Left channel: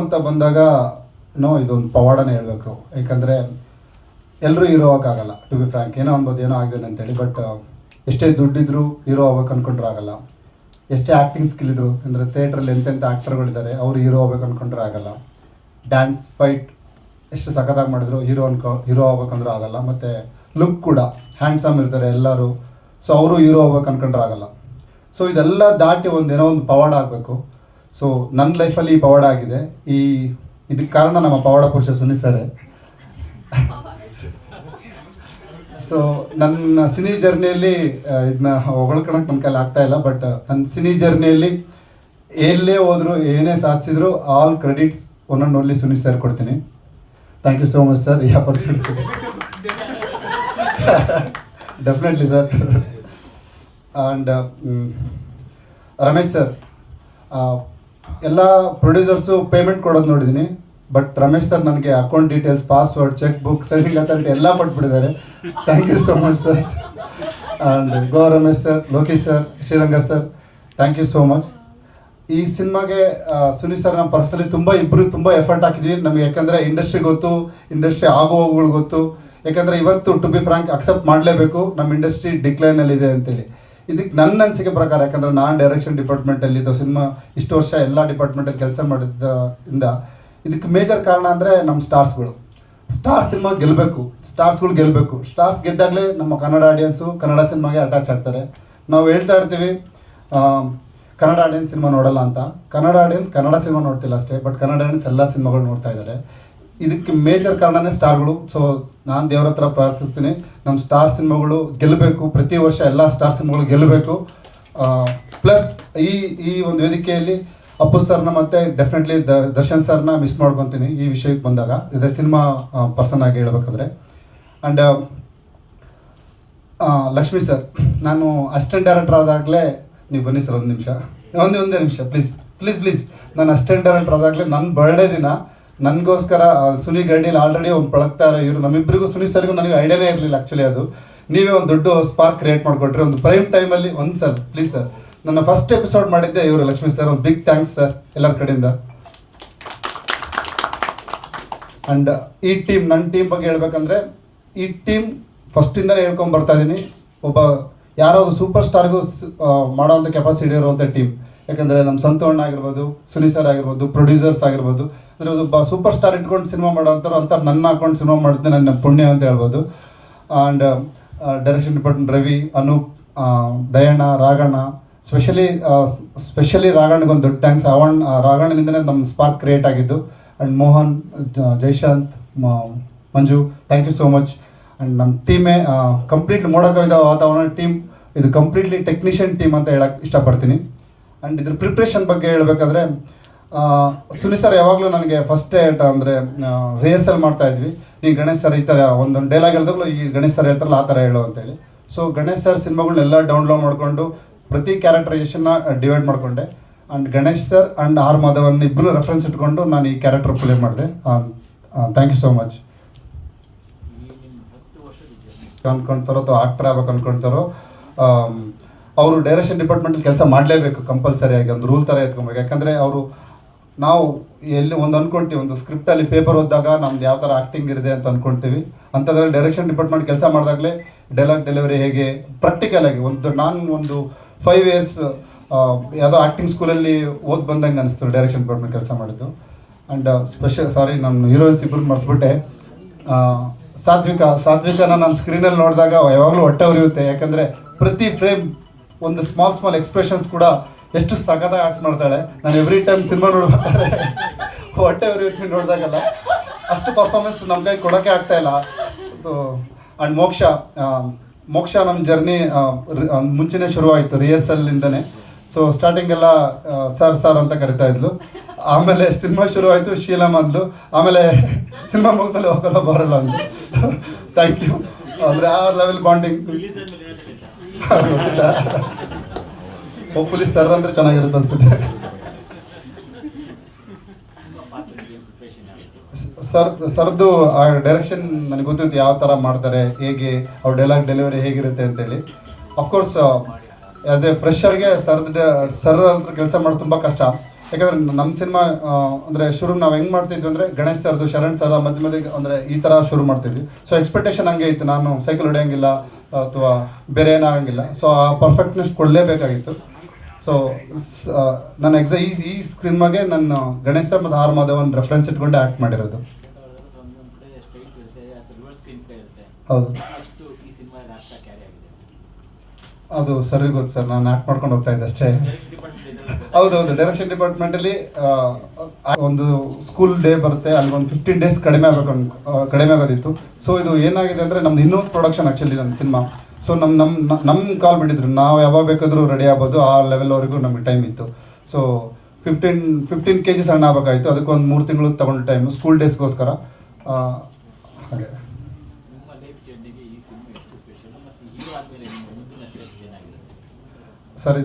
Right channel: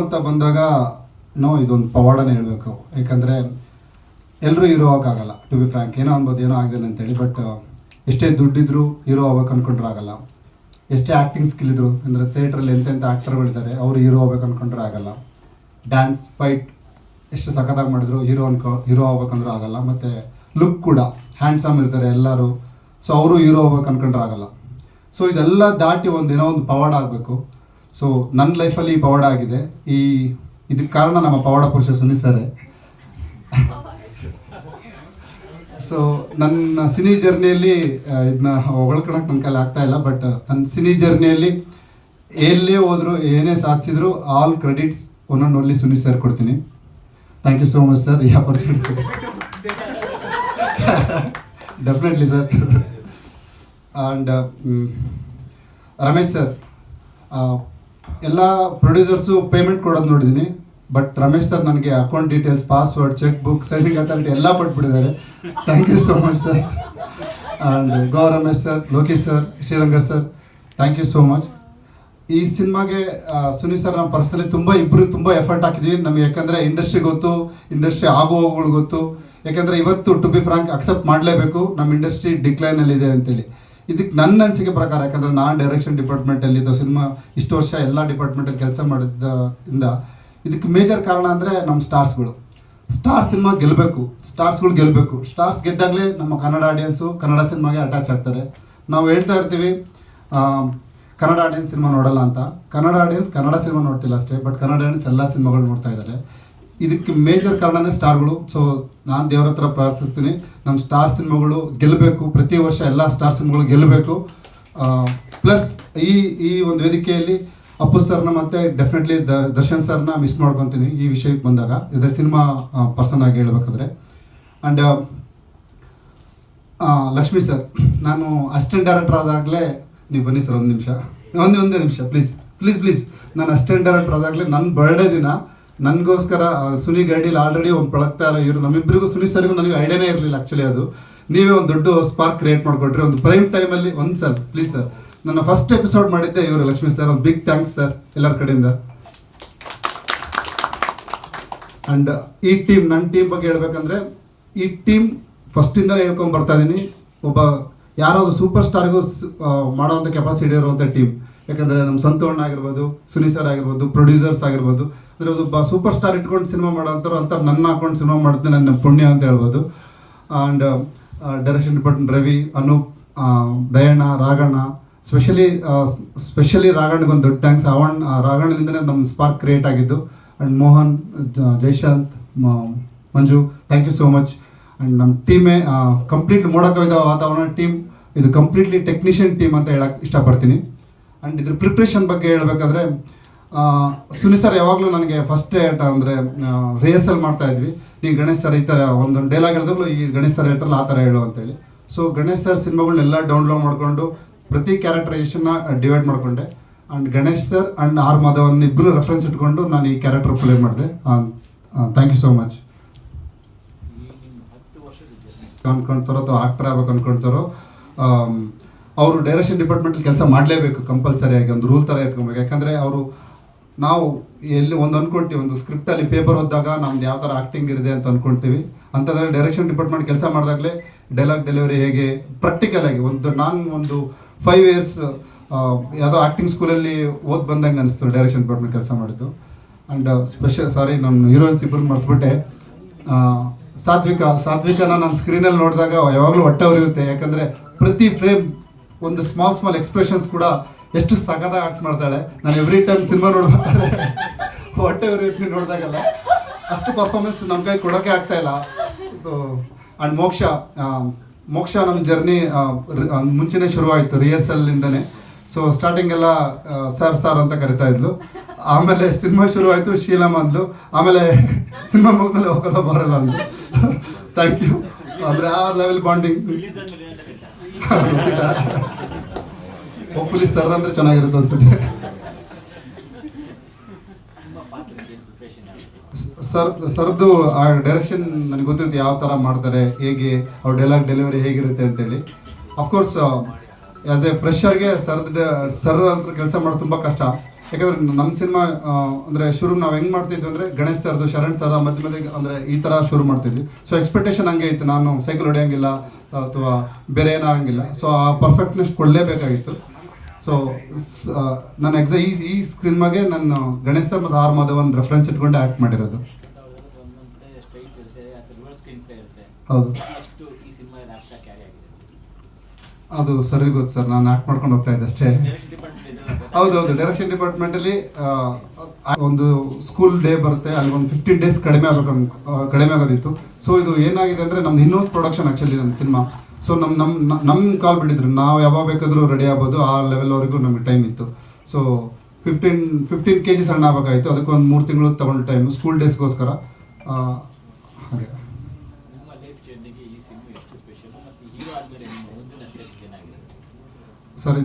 ಅಂತ ಬಂದಾಗ ಇದೊಂದು ಪವಾಡನೇ ಹೇಳಬೇಕು. ಯಾಕಂದರೆ ಎಲ್ಲರೂ ಹೀರೋ ಆಗೋಕ್ಕಾಗಲ್ಲ. ಟು ಬಿ ಫ್ರ್ಯಾಂಕ್, ಏನೋ ಅನ್ಬೋದು ಏನೋ ಆಗಿದೆ ಅಂತೇಳಿ. ಬಟ್ ಎಷ್ಟೇ ದುಡ್ಡಿದ್ರು ಹೀರೋ ಆಗ್ಬೇಕು ಅಂದ್ಕೊಂಡ್ರೆ ಆಗಲ್ಲ. ಎಷ್ಟೇ ಆ್ಯಕ್ಟಿಂಗ್ ಸ್ಕಿಲ್ ಇದ್ರು, ಅಂದರೆ ಥಿಯೇಟ್ರಲ್ಲಿ ಎಂತೆಂಥ ಆ್ಯಕ್ಟರ್ಗಳಿದ್ದಾರೆ, ಅವರು ಹೀರೋ ಆಗ್ಬೇಕು ಅಂದ್ಕೊಂಡ್ರೆ ಆಗಲ್ಲ. ಡ್ಯಾನ್ಸ್ ಫೈಟ್ ಎಷ್ಟು ಸಖತ್ತಾಗಿ ಮಾಡಿದ್ರು ಹೀರೋ ಆಗ್ಬೇಕಂದ್ರೆ ಆಗಲ್ಲ. ಮತ್ತು ಲುಕ್ ಕೂಡ ಹ್ಯಾಂಡ್ಸಮ್ ಇರ್ತಾರೆ ಎಲ್ಲರೂ, ಸೊ ಅವರು ಹೀರೋ ಆಗ್ಬೇಕು ಅಂದ್ಕೊಂಡ್ರೆ ಆಗಲ್ಲ. ಸೊ ಇದೆಲ್ಲ ದಾಟಿ ಏನೋ ಒಂದು ಪವಾಡ ಆಗಬೇಕು. ಸೊ ನನ್ನ ಲೈಫಲ್ಲಿ ಈ ಪವಾಡ ಆಗಿದೆ. ಇದಕ್ಕೆ ಕಾರಣ ನಮ್ಮ ಪವಾಡ ಪುರುಷ ಸುನಿ ಸರ್. ಸೊ ನನ್ನ ಸಿನಿ ಜರ್ನಿಯಲ್ಲಿ ಇದನ್ನ ಹೊಗಳ್ಕೊಳಕ್ಕೆ ನನ್ನ ಕೈಲಿ ಆಗ್ತಾ ಇಲ್ಲ. ಬಟ್ ನನ್ನ ಸಿನಿ ಜರ್ನಿಯಲ್ಲಿ ಎಲ್ಲೇ ಹೋದ್ರು, ಏನೇ ಸಾಧಿಸಿದ್ರು, all credits only Suni sir ಕೊಡ್ತೀನಿ. Thank you so much sir, ಈ opportunity. Definitely sir. And Ramesh sir, ಎಲ್ಲ ಪ್ರೊಡ್ಯೂಸರ್ಸು ಪೇಮೆಂಟ್ ಕೊಡೋದು ನೋಡಿದ್ದೀನಿ. ಬಟ್ ರಮೇಶ್ ಸರ್ ನನಗೆ account details, password, cheque book, signing ಅಂತ ಎಲ್ಲ ಕೊಟ್ಬಿಟ್ಟಿದ್ದಾರೆ. Thank you so much sir. And go Ramesh sir, Lokesh sir, Shriranga sir, thank you so much. ಈ ಸಿನಿಮಾಗೆ ಸುನಿ ಸರ್ ನಾವು ಪರ್ಸನಲಿ ತುಂಬ ಎಫರ್ಟ್ ಹಾಕಿದ್ವಿ ನಮಗೆ. ಯಾಕಂದರೆ ಇಂಡಸ್ಟ್ರಿ ಗೊತ್ತು, ಇಂಡಸ್ಟ್ರಿ ಆಗುವವುಗಳು ಗೊತ್ತು. ಯಾಕಂದರೆ ಇವತ್ತು ಟು ಬಿ ಫ್ರಾಂಕ್ ಅಕ್ಸೆಪ್ಟ್ ಮಾಡಲೇಬೇಕು, ನಮ್ಮ ಇಂಡಸ್ಟ್ರಿ ಡಿಕ್ಲೈನಲ್ಲಿದೆ ಅಂತೇಳಿ. ಇದಕ್ಕೆ ನನ್ನ ಅನಿಸಿಕೆ ಪ್ರಕಾರ, ಯಾಕಂದರೆ ನಾನು ಡೈರೆಕ್ಷನ್ ಡಿಪಾರ್ಟ್ಮೆಂಟಲ್ಲಿದ್ದು ಸಿನಿಮಾ ಇಷ್ಟು ವರ್ಷ ಎಲ್ಲ ಡಿಪಾರ್ಟ್ಮೆಂಟಲ್ಲಿ ಕೆಲಸ ಮಾಡಿದ್ದರಿಂದ ಇದಕ್ಕೆ ಮೇಜರ್ ಕಾರಣ ಅಂದರೆ ನಮ್ಮ ಸ್ಟಾರ್ ಸಿನಿಮಾ ಗೆಲ್ಲಬೇಕು, ಸ್ಟಾರ್ಸ್ಗಳು ಗೆಲ್ಲಬೇಕು. ಸ್ಟಾರ್ಸ್ ಗೆದ್ದಾಗಲೇ ನಮ್ಮ ಕನ್ನಡ ಆಡಿಯನ್ಸು ಕನ್ನಡ ಸಿನಿಮಾಗೆ ಅಟ್ಯಾಚ್ ಆಗ್ತಾರೆ. ನಾವು ಹೇಳ್ತಾ ಇರ್ತೀವಿ ಕನ್ನಡ ಆಡಿಯನ್ಸ್ ಸಿನಿಮಾ ನೋಡಲ್ಲ ಅಂತ. ಕನ್ನಡ ಆಡಿಯನ್ಸ್ ಕನ್ನಡ ಸಿನಿಮಾ ನೋಡ್ತಿಲ್ಲ ಅಷ್ಟೇ, ಬಟ್ ಕನ್ನಡ ಆಡಿಯನ್ಸ್ ಎಲ್ಲ ಸಿನಿಮಾಗಳು ನೋಡ್ತಾ ಇದ್ದಾರೆ. ಇದಕ್ಕೆ ಮೇಜರ್ ಕಾರಣನೇ ಸ್ಟಾರ್ಗಳು. ಸೊ ನಾನು ದೇವ್ರ ಹತ್ರ ಪ್ರಾರ್ಥಿಸ್ತೀನಿ, ನಮ್ಮ ಸ್ಟಾರ್ ಸಿನಿಮಾಗಳು ಗೆಲ್ಲಬೇಕು. ಪ್ರತಿ ವರ್ಷ ಎಲ್ಲ ಸ್ಟಾರ್ ಸಿನಿಮಾಗಳು ಗೆಲ್ಲಬೇಕು. ಪ್ಲಸ್ ಈ ಒಂದು ವೇದಿಕೆಯಲ್ಲಿ ಅಪ್ಪು ಸರ್ನ ಮತ್ತು ಡೆಫಿನೆಟ್ಲಿ ದರ್ಶನ್ ಸರ್ನ ಮಿಸ್ ಮಾಡ್ಕೊತೀನಿ ಈ ವಿಷಯಕ್ಕೆ ಬಂದಾಗ, ಇದೇ ಸಿನಿಮಾ ಪರ್ಸನ್ ಆಗಿ ಹೇಳ್ಬೇಕಾದ್ರೆ. ಆ್ಯಂಡ್ ಲಕ್ಷ್ಮೀ ಸರ್, ನಾನು ಅಸಿಸ್ಟೆಂಟ್ ಡೈರೆಕ್ಟರ್ ಆದಾಗಲೇ, ನೀವು ಬನ್ನಿ ಸರ್ ಒಂದೇ ನಿಮಿಷ ಪ್ಲೀಸ್. ನಾನು ಅಸಿಸ್ಟೆಂಟ್ ಡೈರೆಕ್ಟರ್ ಆದಾಗಲೇ ನನ್ನ ಬರ್ಡೇ ದಿನ ನನಗೋಸ್ಕರ ಸುನಿ ಗಾಡಿಯಲ್ಲಿ ಆಲ್ರೆಡಿ ಒಂದು ಪಳಗ್ತಾ ಇರೋ ಇವರು ನಮ್ಮಿಬ್ಬರಿಗೂ, ಸುನಿ ಸರ್ಗೂ ನನಗೆ ಐಡಿಯಾನೇ ಇರಲಿಲ್ಲ ಆ್ಯಕ್ಚುಲಿ. ಅದು ನೀವೇ ಒಂದು ದೊಡ್ಡ ಸ್ಪಾರ್ಕ್ ಕ್ರಿಯೇಟ್ ಮಾಡಿಕೊಟ್ರಿ ಒಂದು ಪ್ರೈಮ್ ಟೈಮಲ್ಲಿ. ಒಂದು ಸರ್ ಪ್ಲೀಸ್ ಸರ್, ನನ್ನ ಫಸ್ಟ್ ಎಪಿಸೋಡ್ ಮಾಡಿದ್ದೆ ಇವರು ಲಕ್ಷ್ಮೀ ಸರ್. ಒಂದು ಬಿಗ್ ಥ್ಯಾಂಕ್ಸ್ ಸರ್ ಎಲ್ಲರ ಕಡೆಯಿಂದ. ಆ್ಯಂಡ್ ಈ ಟೀಮ್, ನನ್ನ ಟೀಮ್ ಬಗ್ಗೆ ಹೇಳ್ಬೇಕಂದ್ರೆ, ಈ ಟೀಮ್ ಫಸ್ಟಿಂದಲೇ ಹೇಳ್ಕೊಂಡು ಬರ್ತಾ ಇದ್ದೀನಿ. ಯಾರೋ ಒಂದು ಸೂಪರ್ ಸ್ಟಾರ್ಗೂ ಮಾಡೋವಂಥ ಕೆಪಾಸಿಟಿ ಇರುವಂಥ ಟೀಮ್. ಯಾಕಂದರೆ ನಮ್ಮ ಸಂತೋಷ್ ಆಗಿರ್ಬೋದು, ಸುನಿ ಸರ್ ಆಗಿರ್ಬೋದು, ಪ್ರೊಡ್ಯೂಸರ್ಸ್ ಆಗಿರ್ಬೋದು, ಅಂದರೆ ಒಬ್ಬ ಸೂಪರ್ ಸ್ಟಾರ್ ಇಟ್ಕೊಂಡು ಸಿನಿಮಾ ಮಾಡೋಂಥವ್ರು ಅಂತ ನನ್ನ ಹಾಕೊಂಡು ಸಿನಿಮಾ ಮಾಡಿದ್ರೆ ನನ್ನ ಪುಣ್ಯ ಅಂತ ಹೇಳ್ಬೋದು. And direction department Ravi, Anoop, Dayanna, Raghanna, specially ರಾಘಣ್ಣಗೊಂದು ದೊಡ್ಡ ಥ್ಯಾಂಕ್ಸ್. ರಾಘಣ್ಣನಿಂದಲೇ ನಮ್ಮ ಸ್ಪಾರ್ಕ್ ಕ್ರಿಯೇಟ್ ಆಗಿದ್ದು. And Mohan, Jayashanth, Manju, thank you so much. And ನಮ್ಮ ಟೀಮೇ ಕಂಪ್ಲೀಟ್ಲಿ ಮೋಡಕವಿದ ವಾತಾವರಣ ಟೀಮ್. ಇದು ಕಂಪ್ಲೀಟ್ಲಿ ಟೆಕ್ನಿಷಿಯನ್ ಟೀಮ್ ಅಂತ ಹೇಳಕ್ಕೆ ಇಷ್ಟಪಡ್ತೀನಿ. ಆ್ಯಂಡ್ ಇದ್ರ ಪ್ರಿಪ್ರೇಷನ್ ಬಗ್ಗೆ ಹೇಳಬೇಕಾದ್ರೆ, ಸುನಿ ಸರ್ ಯಾವಾಗಲೂ ನನಗೆ ಫಸ್ಟ್ ಅಂದರೆ ರಿಹರ್ಸಲ್ ಮಾಡ್ತಾ ಇದ್ವಿ. ಈ ಗಣೇಶ್ ಸರ್ ಈ ಥರ ಒಂದೊಂದು ಡೈಲಾಗ್ ಹೇಳಿದಾಗಲೂ ಈ ಗಣೇಶ್ ಸರ್ ಹೇಳ್ತಾರಲ್ಲ ಆ ಥರ ಹೇಳು ಅಂತೇಳಿ. ಸೊ ಗಣೇಶ್ ಸರ್ ಸಿನಿಮಾಗಳನ್ನೆಲ್ಲ ಡೌನ್ಲೋಡ್ ಮಾಡಿಕೊಂಡು ಪ್ರತಿ ಕ್ಯಾರೆಕ್ಟರೈಸೇಷನ್ನ ಡಿವೈಡ್ ಮಾಡಿಕೊಂಡೆ. And Ganesh sir and R Madhavan ಇಬ್ಬರು ರೆಫರೆನ್ಸ್ ಇಟ್ಕೊಂಡು ನಾನು ಈ ಕ್ಯಾರೆಕ್ಟರ್ ಪ್ಲೇ ಮಾಡಿದೆ. Thank you so much. ಅಂದ್ಕೊಳ್ತಾರೋ ಅಥವಾ ಆಕ್ಟರ್ ಆಗ್ಬೇಕು ಅಂದ್ಕೊಳ್ತಾರೋ, ಅವರು ಡೈರೆಕ್ಷನ್ ಡಿಪಾರ್ಟ್ಮೆಂಟಲ್ಲಿ ಕೆಲಸ ಮಾಡಲೇಬೇಕು ಕಂಪಲ್ಸರಿಯಾಗಿ. ಒಂದು ರೂಲ್ ಥರ ಇಟ್ಕೊಬೇಕು. ಯಾಕಂದರೆ ನಾವು ಎಲ್ಲಿ ಒಂದು ಅಂದ್ಕೊಳ್ತೀವಿ, ಒಂದು ಸ್ಕ್ರಿಪ್ಟಲ್ಲಿ ಪೇಪರ್ ಓದಿದಾಗ ನಮ್ದು ಯಾವ ಥರ ಆ್ಯಕ್ಟಿಂಗ್ ಇದೆ ಅಂತ ಅಂದ್ಕೊಳ್ತೀವಿ. ಅಂಥದ್ರಲ್ಲಿ ಡೈರೆಕ್ಷನ್ ಡಿಪಾರ್ಟ್ಮೆಂಟ್ ಕೆಲಸ ಮಾಡಿದಾಗಲೇ ಡೈಲಾಗ್ ಡೆಲಿವರಿ ಹೇಗೆ ಪ್ರಾಕ್ಟಿಕಲ್ ಆಗಿ ನಾನು ಒಂದು 5 years ಯಾವುದೋ ಆ್ಯಕ್ಟಿಂಗ್ ಸ್ಕೂಲಲ್ಲಿ ಬಂದಂಗೆ ಅನಿಸ್ತು ಡೈರೆಕ್ಷನ್ ಡಿಪಾರ್ಟ್ಮೆಂಟ್ ಕೆಲಸ ಮಾಡಿದ್ದು. ಆ್ಯಂಡ್ ನಮ್ಮ ಹೀರೋಯಿನ್ಸ್ ಇಬ್ಬರು ಮರೆತುಬಿಟ್ಟೆ. ಸಾತ್ವಿಕನ ನಾನು ಸ್ಕ್ರೀನಲ್ಲಿ ನೋಡಿದಾಗ ಯಾವಾಗಲೂ ಹೊಟ್ಟೆ ಉರಿಯುತ್ತೆ. ಯಾಕಂದರೆ ಪ್ರತಿ ಫ್ರೇಮ್ ಒಂದು ಸ್ಮಾಲ್ ಎಕ್ಸ್ಪ್ರೆಷನ್ಸ್ ಕೂಡ ಎಷ್ಟು ಸಖತ್ತಾಗಿ ಆ್ಯಕ್ಟ್ ಮಾಡ್ತಾಳೆ. ನಾನು ಎವ್ರಿ ಟೈಮ್ ಸಿನಿಮಾ ನೋಡ್ಬೇಕಾದ್ರೆ ಹೊಟ್ಟೆ ಉರಿಯುತ್ತೆ ನೋಡಿದಾಗಲ್ಲ. ಅಷ್ಟು ಪರ್ಫಾರ್ಮೆನ್ಸ್ ನಮ್ಮ ಕೈ ಕೊಡೋಕ್ಕೆ ಆಗ್ತಾಯಿಲ್ಲ. ಆ್ಯಂಡ್ ಮೋಕ್ಷ ನಮ್ಮ ಜರ್ನಿ ಮುಂಚೆನೇ ಶುರುವಾಯಿತು ರಿಹರ್ಸಲ್ಲಿಂದನೇ. ಸೊ ಸ್ಟಾರ್ಟಿಂಗೆಲ್ಲ ಸರ್ ಅಂತ ಕರಿತಾ ಇದ್ಲು. ಆಮೇಲೆ ಸಿನಿಮಾ ಶುರುವಾಯಿತು, ಶೀಲಮ್ ಅಂದ್ಲು. ಆಮೇಲೆ ಸಿನಿಮಾ ಮುಗಿದ್ಮೇಲೆ ಹೋಗಲ್ಲ ಬರಲ್ಲ ಅಂದ್ಲು. Thank you. ಅಂದರೆ ಆ ಲೆವೆಲ್ ಬಾಂಡಿಂಗ್. ಹೋಪ್ಫುಲಿ ಸರ್ ಅಂದರೆ ಚೆನ್ನಾಗಿರುತ್ತೆ ಅನ್ಸುತ್ತೆ. ಸರ್ದು ಆ ಡೈರೆಕ್ಷನ್ ನನಗೆ ಗೊತ್ತಿತ್ತು, ಯಾವ ಥರ ಮಾಡ್ತಾರೆ, ಹೇಗೆ ಅವ್ರ ಡೈಲಾಗ್ ಡೆಲಿವರಿ ಹೇಗಿರುತ್ತೆ ಅಂತೇಳಿ. ಅಫ್ಕೋರ್ಸ್ ಆ್ಯಸ್ ಎ ಫ್ರೆಶರ್ಗೆ ಸರ್ ಕೆಲಸ ಮಾಡೋದು ತುಂಬ ಕಷ್ಟ. ಯಾಕಂದರೆ ನಮ್ಮ ಸಿನಿಮಾ ಅಂದರೆ ಶುರು ನಾವು ಹೆಂಗೆ ಮಾಡ್ತಿದ್ವಿ ಅಂದರೆ ಗಣೇಶ್ ಸರ್ದು ಶರಣ್ ಸರ್ ಮಧ್ಯೆ ಮಧ್ಯೆ ಅಂದರೆ ಈ ಥರ ಶುರು ಮಾಡ್ತಿದ್ವಿ. ಸೊ ಎಕ್ಸ್ಪೆಕ್ಟೇಷನ್ ಹಂಗೆ ಇತ್ತು, ನಾನು ಸೈಕಲ್ ಹೊಡೆಯೋಂಗಿಲ್ಲ ಅಥವಾ ಬೇರೆ ಏನೋ ಆಗಂಗಿಲ್ಲ. ಸೊ ಆ ಪರ್ಫೆಕ್ಟ್ನೆಸ್ ಕೊಡಲೇಬೇಕಾಗಿತ್ತು. ಸೊ ನಾನು ಈ ಸಿನಿಮಾಗೆ ನಾನು ಗಣೇಶ್ ಸರ್ ಮತ್ತು ಆರ್ ಮಾಧವನ್ ರೆಫರೆನ್ಸ್ ಇಟ್ಕೊಂಡು ಆ್ಯಕ್ಟ್ ಮಾಡಿರೋದು. ಹೌದು, ಅದು ಸರಿ ಗೊತ್ತು ಸರ್, ನಾನು ಆ್ಯಕ್ಟ್ ಮಾಡ್ಕೊಂಡು ಹೋಗ್ತಾ ಇದ್ದೆ ಅಷ್ಟೇ. ಹೌದೌದು, ಡೈರೆಕ್ಷನ್ ಡಿಪಾರ್ಟ್ಮೆಂಟಲ್ಲಿ ಒಂದು ಸ್ಕೂಲ್ ಡೇ ಬರುತ್ತೆ, ಅಲ್ಲಿ ಒಂದು 15 days ಕಡಿಮೆ ಆಗೋದಿತ್ತು. ಸೊ ಇದು ಏನಾಗಿದೆ ಅಂದರೆ ನಮ್ದು ಇನ್ನೂಸ್ ಪ್ರೊಡಕ್ಷನ್ ಆ್ಯಕ್ಚುಲಿ ನಮ್ಮ ಸಿನಿಮಾ. ಸೊ ನಮ್ಮ ಕಾಲ್ ಬಿಟ್ಟಿದ್ರು, ನಾವು ಯಾವಾಗ ಬೇಕಾದರೂ ರೆಡಿ ಆಗ್ಬೋದು, ಆ ಲೆವೆಲ್ವರೆಗೂ ನಮಗೆ ಟೈಮ್ ಇತ್ತು. ಸೊ 15 kg ಸಣ್ಣ ಆಗಬೇಕಾಯಿತು, ಅದಕ್ಕೊಂದು 3 ತಿಂಗಳು ತಗೊಂಡು ಟೈಮ್ ಸ್ಕೂಲ್ ಡೇಸ್ಗೋಸ್ಕರ. ಹಾಗೆ ಸರ್,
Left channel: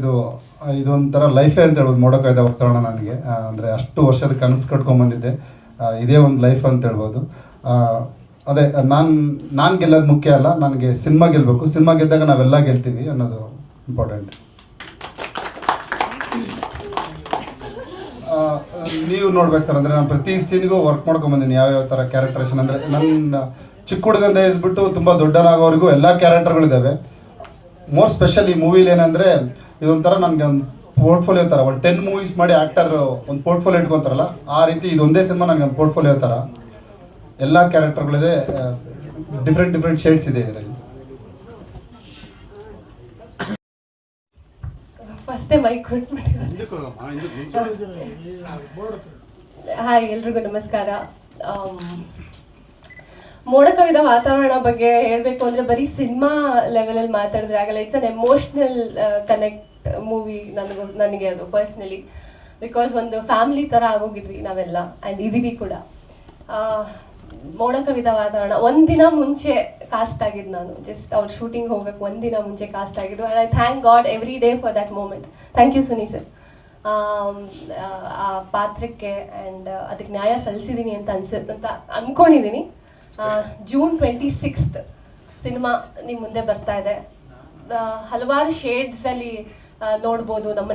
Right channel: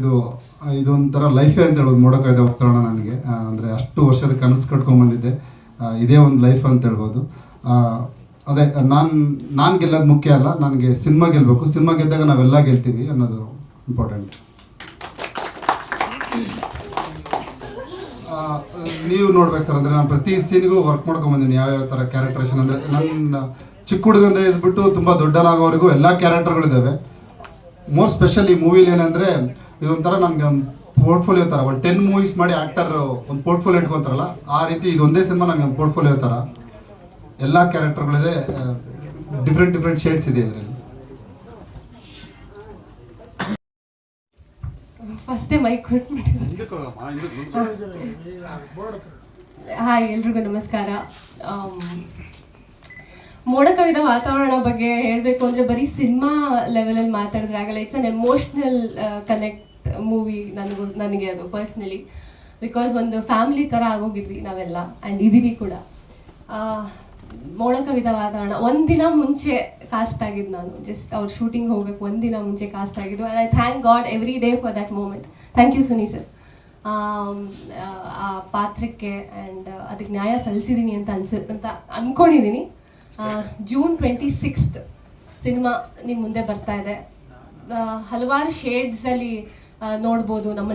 ಇದೊಂಥರ ಲೈಫೇ ಅಂತ ಹೇಳ್ಬೋದು. ಮೋಡಕವಿದ ವಾತಾವರಣ ನನಗೆ ಅಂದರೆ ಅಷ್ಟು ವರ್ಷದ ಕನಸು ಕಟ್ಕೊಂಡ್ಬಂದಿದ್ದೆ, ಇದೇ ಒಂದು ಲೈಫ್ ಅಂತ ಹೇಳ್ಬೋದು. ಅದೇ ನಾನು ಗೆಲ್ಲೋದು ಮುಖ್ಯ ಅಲ್ಲ, ನನಗೆ ಸಿನಿಮಾ ಗೆಲ್ಲಬೇಕು. ಸಿನಿಮಾ ಗೆದ್ದಾಗ ನಾವೆಲ್ಲ ಗೆಲ್ತೀವಿ ಅನ್ನೋದು ಇಂಪಾರ್ಟೆಂಟ್. ನೀವು ನೋಡ್ಬೇಕು ಸರ್, ಅಂದರೆ ನಾನು ಪ್ರತಿ ಸೀನಿಗೂ ವರ್ಕ್ ಮಾಡ್ಕೊಂಬಂದಿನಿ, ಯಾವ್ಯಾವ ಥರ ಕ್ಯಾರೆಕ್ಟರೇಷನ್. ಅಂದರೆ ನನ್ನ ಚಿಕ್ಕ ಹುಡುಗಂದ ಇದ್ಬಿಟ್ಟು ತುಂಬ ದೊಡ್ಡನಾಗೋವರೆಗೂ ಎಲ್ಲ ಕ್ಯಾರೆಕ್ಟರ್ಗಳಿದ್ದಾವೆ. ಮೋಸ್ಟ್ ಸ್ಪೆಷಲ್ ಈ ಮೂವಿಲಿ ಏನಂದರೆ, ಇದೊಂಥರ ನನಗೆ ಒಂದು ಪೋರ್ಟ್ಫೋಲಿಯೋ ಥರ. ಒಂದು 10 movies ಮಾಡಿ ಆ್ಯಕ್ಟರ್ ಒಂದು ಪೋರ್ಟ್ಫೋಲಿಯೋ ಇಟ್ಕೊತಾರಲ್ಲ, ಆ ರೀತಿ ಇದೊಂದೇ ಸಿನಿಮಾ ನನಗೆ ಒಂದು ಪೋರ್ಟ್ಫೋಲಿಯೋ ಥರ. ಎಲ್ಲ ಕ್ಯಾರೆಕ್ಟರ್ಗಳಿದೆ, ಡಿಫ್ರೆಂಟ್ ಶೇಡ್ಸ್ ಇದೆ ಇದರಲ್ಲಿ. ಫಸ್ಟೇ ಮೈಕ್ ಹಾಯ್, ಎಲ್ರಿಗೂ ನಮಸ್ಕಾರ. ಮೋಡಕವಿದ ವಾತಾವರಣ ಬಗ್ಗೆ ಹೇಳಬೇಕು ಅಂದರೆ ಬರೀ ಸಿನಿಮಾ ಲೆವೆಲಲ್ಲಿ ಮಾತಾಡಿದ್ರೆ ಆಗಲ್ಲ. It's an emotional connect movie ನನಗೆ ಅದು ಪರ್ಸ್ನಲಿ. ಬಿಕಾಸ್ ಒಂದು ಫ್ಯಾಮಿಲಿ ಥರ ಆಗೋಗಿದ್ವಿ ನಾವೆಲ್ಲ, ಆ್ಯಂಡ್ ಇದೀವಿ ಕೂಡ. ಮೋಡಕವಿದ ವಾತಾವರಣ ಒಂದಿನ ಮುಂಚೆ ಕಾಸ್ಟ್ ಆಗಿದ್ದು ನಾನು. ಜಸ್ಟ್ ಅವ್ರ ಶೂಟಿಂಗ್ ಹೋಗಕ್ಕೆ ಒಂದಿನ ಮುಂಚೆ ಕಾಸ್ಟ್ ಆಗಿದ್ದು. And I thank God every day for that moment. Thank you Suni sir, ಆ ಪಾತ್ರಕ್ಕೆ ಆ್ಯಂಡ್ ಅದಕ್ಕೆ ನ್ಯಾಯ ಸಲ್ಲಿಸಿದ್ದೀನಿ ಅಂತ ಅಂದ್ಕೊಂಡಿದ್ದೀನಿ. June 26th ಸಿನಿಮಾ ನಿಮ್ಮ ಮುಂದೆ ಬರ್ತಾ ಇದೆ. ಹಲವಾರು ಶೇಡ್ಸಲ್ಲಿ ನೋಡ್ಬೋದು ನಮ್ಮ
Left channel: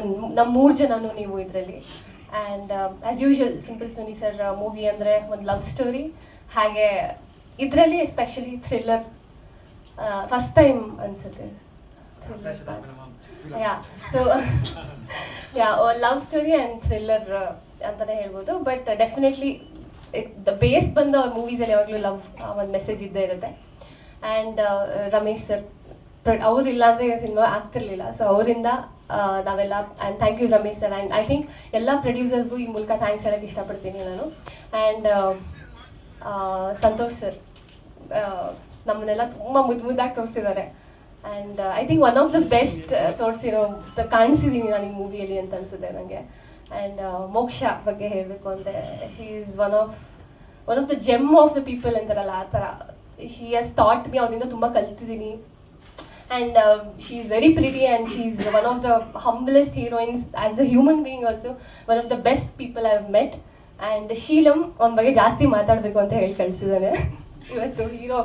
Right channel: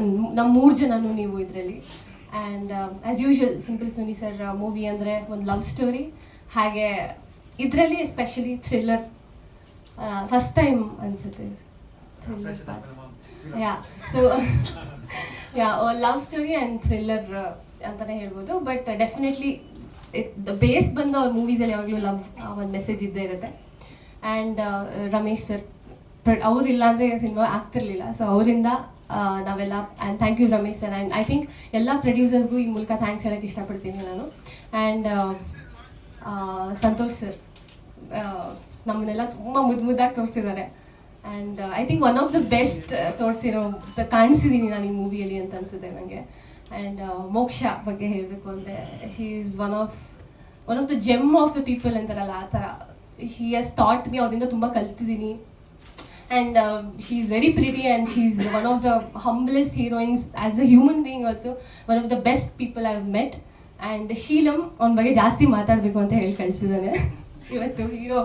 3 ಜನನೂ ನೀವು ಇದರಲ್ಲಿ. And as usual simple Suni sir movie ಅಂದರೆ ಒಂದು ಲವ್ ಸ್ಟೋರಿ, ಹಾಗೆ ಇದರಲ್ಲಿ ಎಸ್ಪೆಷಲಿ ಥ್ರಿಲ್ಲರ್. ಫಸ್ಟ್ ಟೈಮ್ ಅನಿಸುತ್ತೆ so love story and thriller ಅಂತಲೇ ಹೇಳ್ಬೋದು. ಬಟ್ ಡೆಫಿನೆಟ್ಲಿ ದ ಬೇಸ್ ಬಂದ ಮೂವೀಸಲ್ಲಿ ಯಾವಾಗಲೂ ಲವ್ ಒಂದು ಮೆಸೇಜ್ ಇದ್ದೇ ಇರುತ್ತೆ. ಆ್ಯಂಡ್ ರಮೇಶ್ ಸರ್ ಅವರಿಲ್ಲ ಅಂದರೆ ಸಿನಿಮಾ ಆಗ್ತಿರ್ಲಿಲ್ಲ. ಸೊ ಅವರಿಂದ ನಾವೆಲ್ಲ, and thank you Ramesh sir. And I think ಎಲ್ಲ ಪ್ರೊಡ್ಯೂಸರ್ಸ್ಗೂ ಈ ಮೂಲಕ ಥ್ಯಾಂಕ್ಸ್ ಹೇಳೋಕ್ಕೆ ಇಷ್ಟಪಡ್ತೀನಿ ನಾನು. ಆ್ಯಂಡ್ ಸಂತೋಷ್ ಸರ್ ನಮ್ಮನ್ನೆಲ್ಲ ತುಂಬ ಮುದ್ದಾಗಿ ತೋರಿಸಿದ್ದಾರೆ. And I think one of the best ಕಾಣಿಸಿದ್ದೀನಿ ನಾನು ಈ ಮೂವಿಯಲ್ಲಿ ಅಂತ ಅನಿಸುತ್ತೆ ನನಗೆ. ಆ್ಯಂಡ್ ಮೋಕ್ಷ ಬಗ್ಗೆ ಹೇಳಬೇಕು ಅಂದರೆ, he is one of the GeM of the people ಅಂತಾರಲ್ಲ, ಆ ಥರ. ಹಿ ಹ್ಯಾಸ್ ಥಾಟ್ ಮಿ, ಅವರಿಂದ ತುಂಬ ಕಲ್ತಿದ್ದೀನಿ. And she is very pretty and she is one of the humblest heroines as a human being also. One of the best people I have met. And Sheelam ಅವನ ಬಗ್ಗೆ ಜಾಸ್ತಿ ಮಾತಾಡಬೇಕು ಅಂತ ಹೇಳಿ ಕಳಿಸಿದ್ದಾನೆ ಇವತ್ತು ಹೀರೋ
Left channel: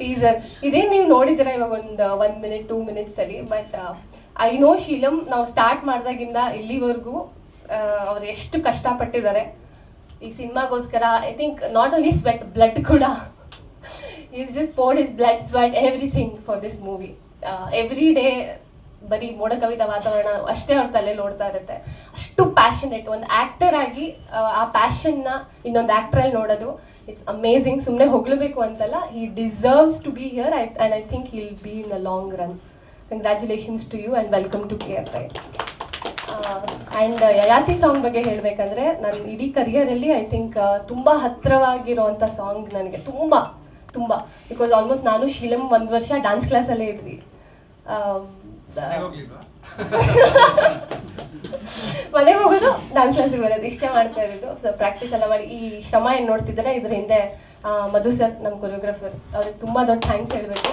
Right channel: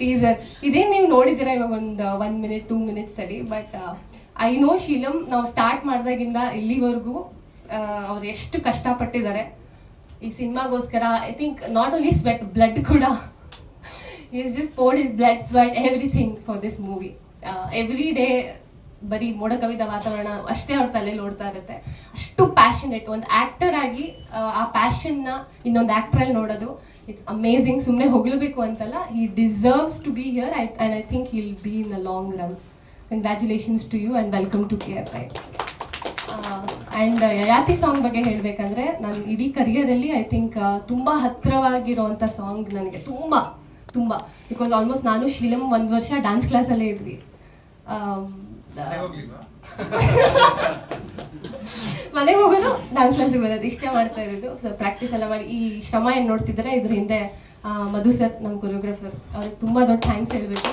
ಟೀಸರ್. ಇದೇನು ನೀವು ನೋಡಿದ್ದೀರಾ ಇವಾಗ ಒಂದು 1 minute 2 minutes ಅಲ್ಲಿ. ಬಟ್ ಐ ನೋ ಶೀಲಂ ನಾವು ಸ್ಟಾರ್ಟ್ ಮಾಡಿದಾಗಿಂದ ಇಲ್ಲಿವರೆಗೂ ಅವ್ರು ಎಷ್ಟು ಕಷ್ಟಪಟ್ಟಿದ್ದಾರೆ ಈ ಸಿನಿಮಾಗೋಸ್ಕರ. I think not only sweat, blood ಕೂಡ. Is just poured his blood, sweat, everything for this movie. Every day ಬರೀ ಮೋಡಕವಿದ ವಾತಾವರಣ ಅಷ್ಟೇ ಅವ್ರ ತಲೆಯಲ್ಲಿ ಓಡ್ತಾ ಇರುತ್ತೆ. ಅಷ್ಟು ಪ್ಯಾಷನೆಟ್ ಒಂದು ಆ್ಯಕ್ಟರ್ ಆಗಿ ಆ ಪ್ಯಾಷನ್ನ ಇನ್ನೊಂದು ಆ್ಯಕ್ಟ್ರಲ್ಲಿ ನೋಡೋದು, ಇಟ್ಸ್ ಅಮೇಝಿಂಗ್. ಸುಮ್ಮನೆ ಹೊಗಳಬೇಕು ಅಂತಲ್ಲ, he deserves to be here. And I think he'll be in the long run. Congratulations to you and welcome to KFI. And Yayati song ಬಗ್ಗೆ ಹೇಳಬೇಕಂದ್ರೆ, ನನ್ನ ಇಡೀ ಕರಿಯರಲ್ಲಿ ಐ ಥಿಂಕ್ ತುಂಬ ಹತ್ತಿರವಾಗಿರೋವಂಥ ಸಾಂಗ್ ನನಗೆ ತುಂಬ. ಬಿಕಾಸ್ ಆಲ್ಮೋಸ್ಟ್ ನಾನು ಶೀಲಂ 1 ವರ್ಷ ಡ್ಯಾನ್ಸ್ ಕ್ಲಾಸಲ್ಲೇ ಇದ್ವಿ. ಮನೆಗೆ ಹೋಗೋದು, ಡ್ಯಾನ್ಸ್ ಕ್ಲಾಸಿಗೆ ಬರೋದು, ಇಷ್ಟೇ ಮಾಡ್ತಾ ಇರೋದು. ಸೊ ಪ್ರಾಕ್ಟೀಸ್ ಎಲ್ಲ ಮಾಡಿ ಈ ಶ್ರಮ ಏನು ನೋಡ್ತಿದ್ದಾರೆ, ಇದ್ರ ಹಿಂದೆ ಮಧು ಸರ್ ನಮ್ಮ ಕೊರಿಯೋಗ್ರಾಫರ್, ಅವ್ರಿಗೆ ತುಂಬ ದೊಡ್ಡ ಥ್ಯಾಂಕ್ಸ್ ಹೇಳಬೇಕು.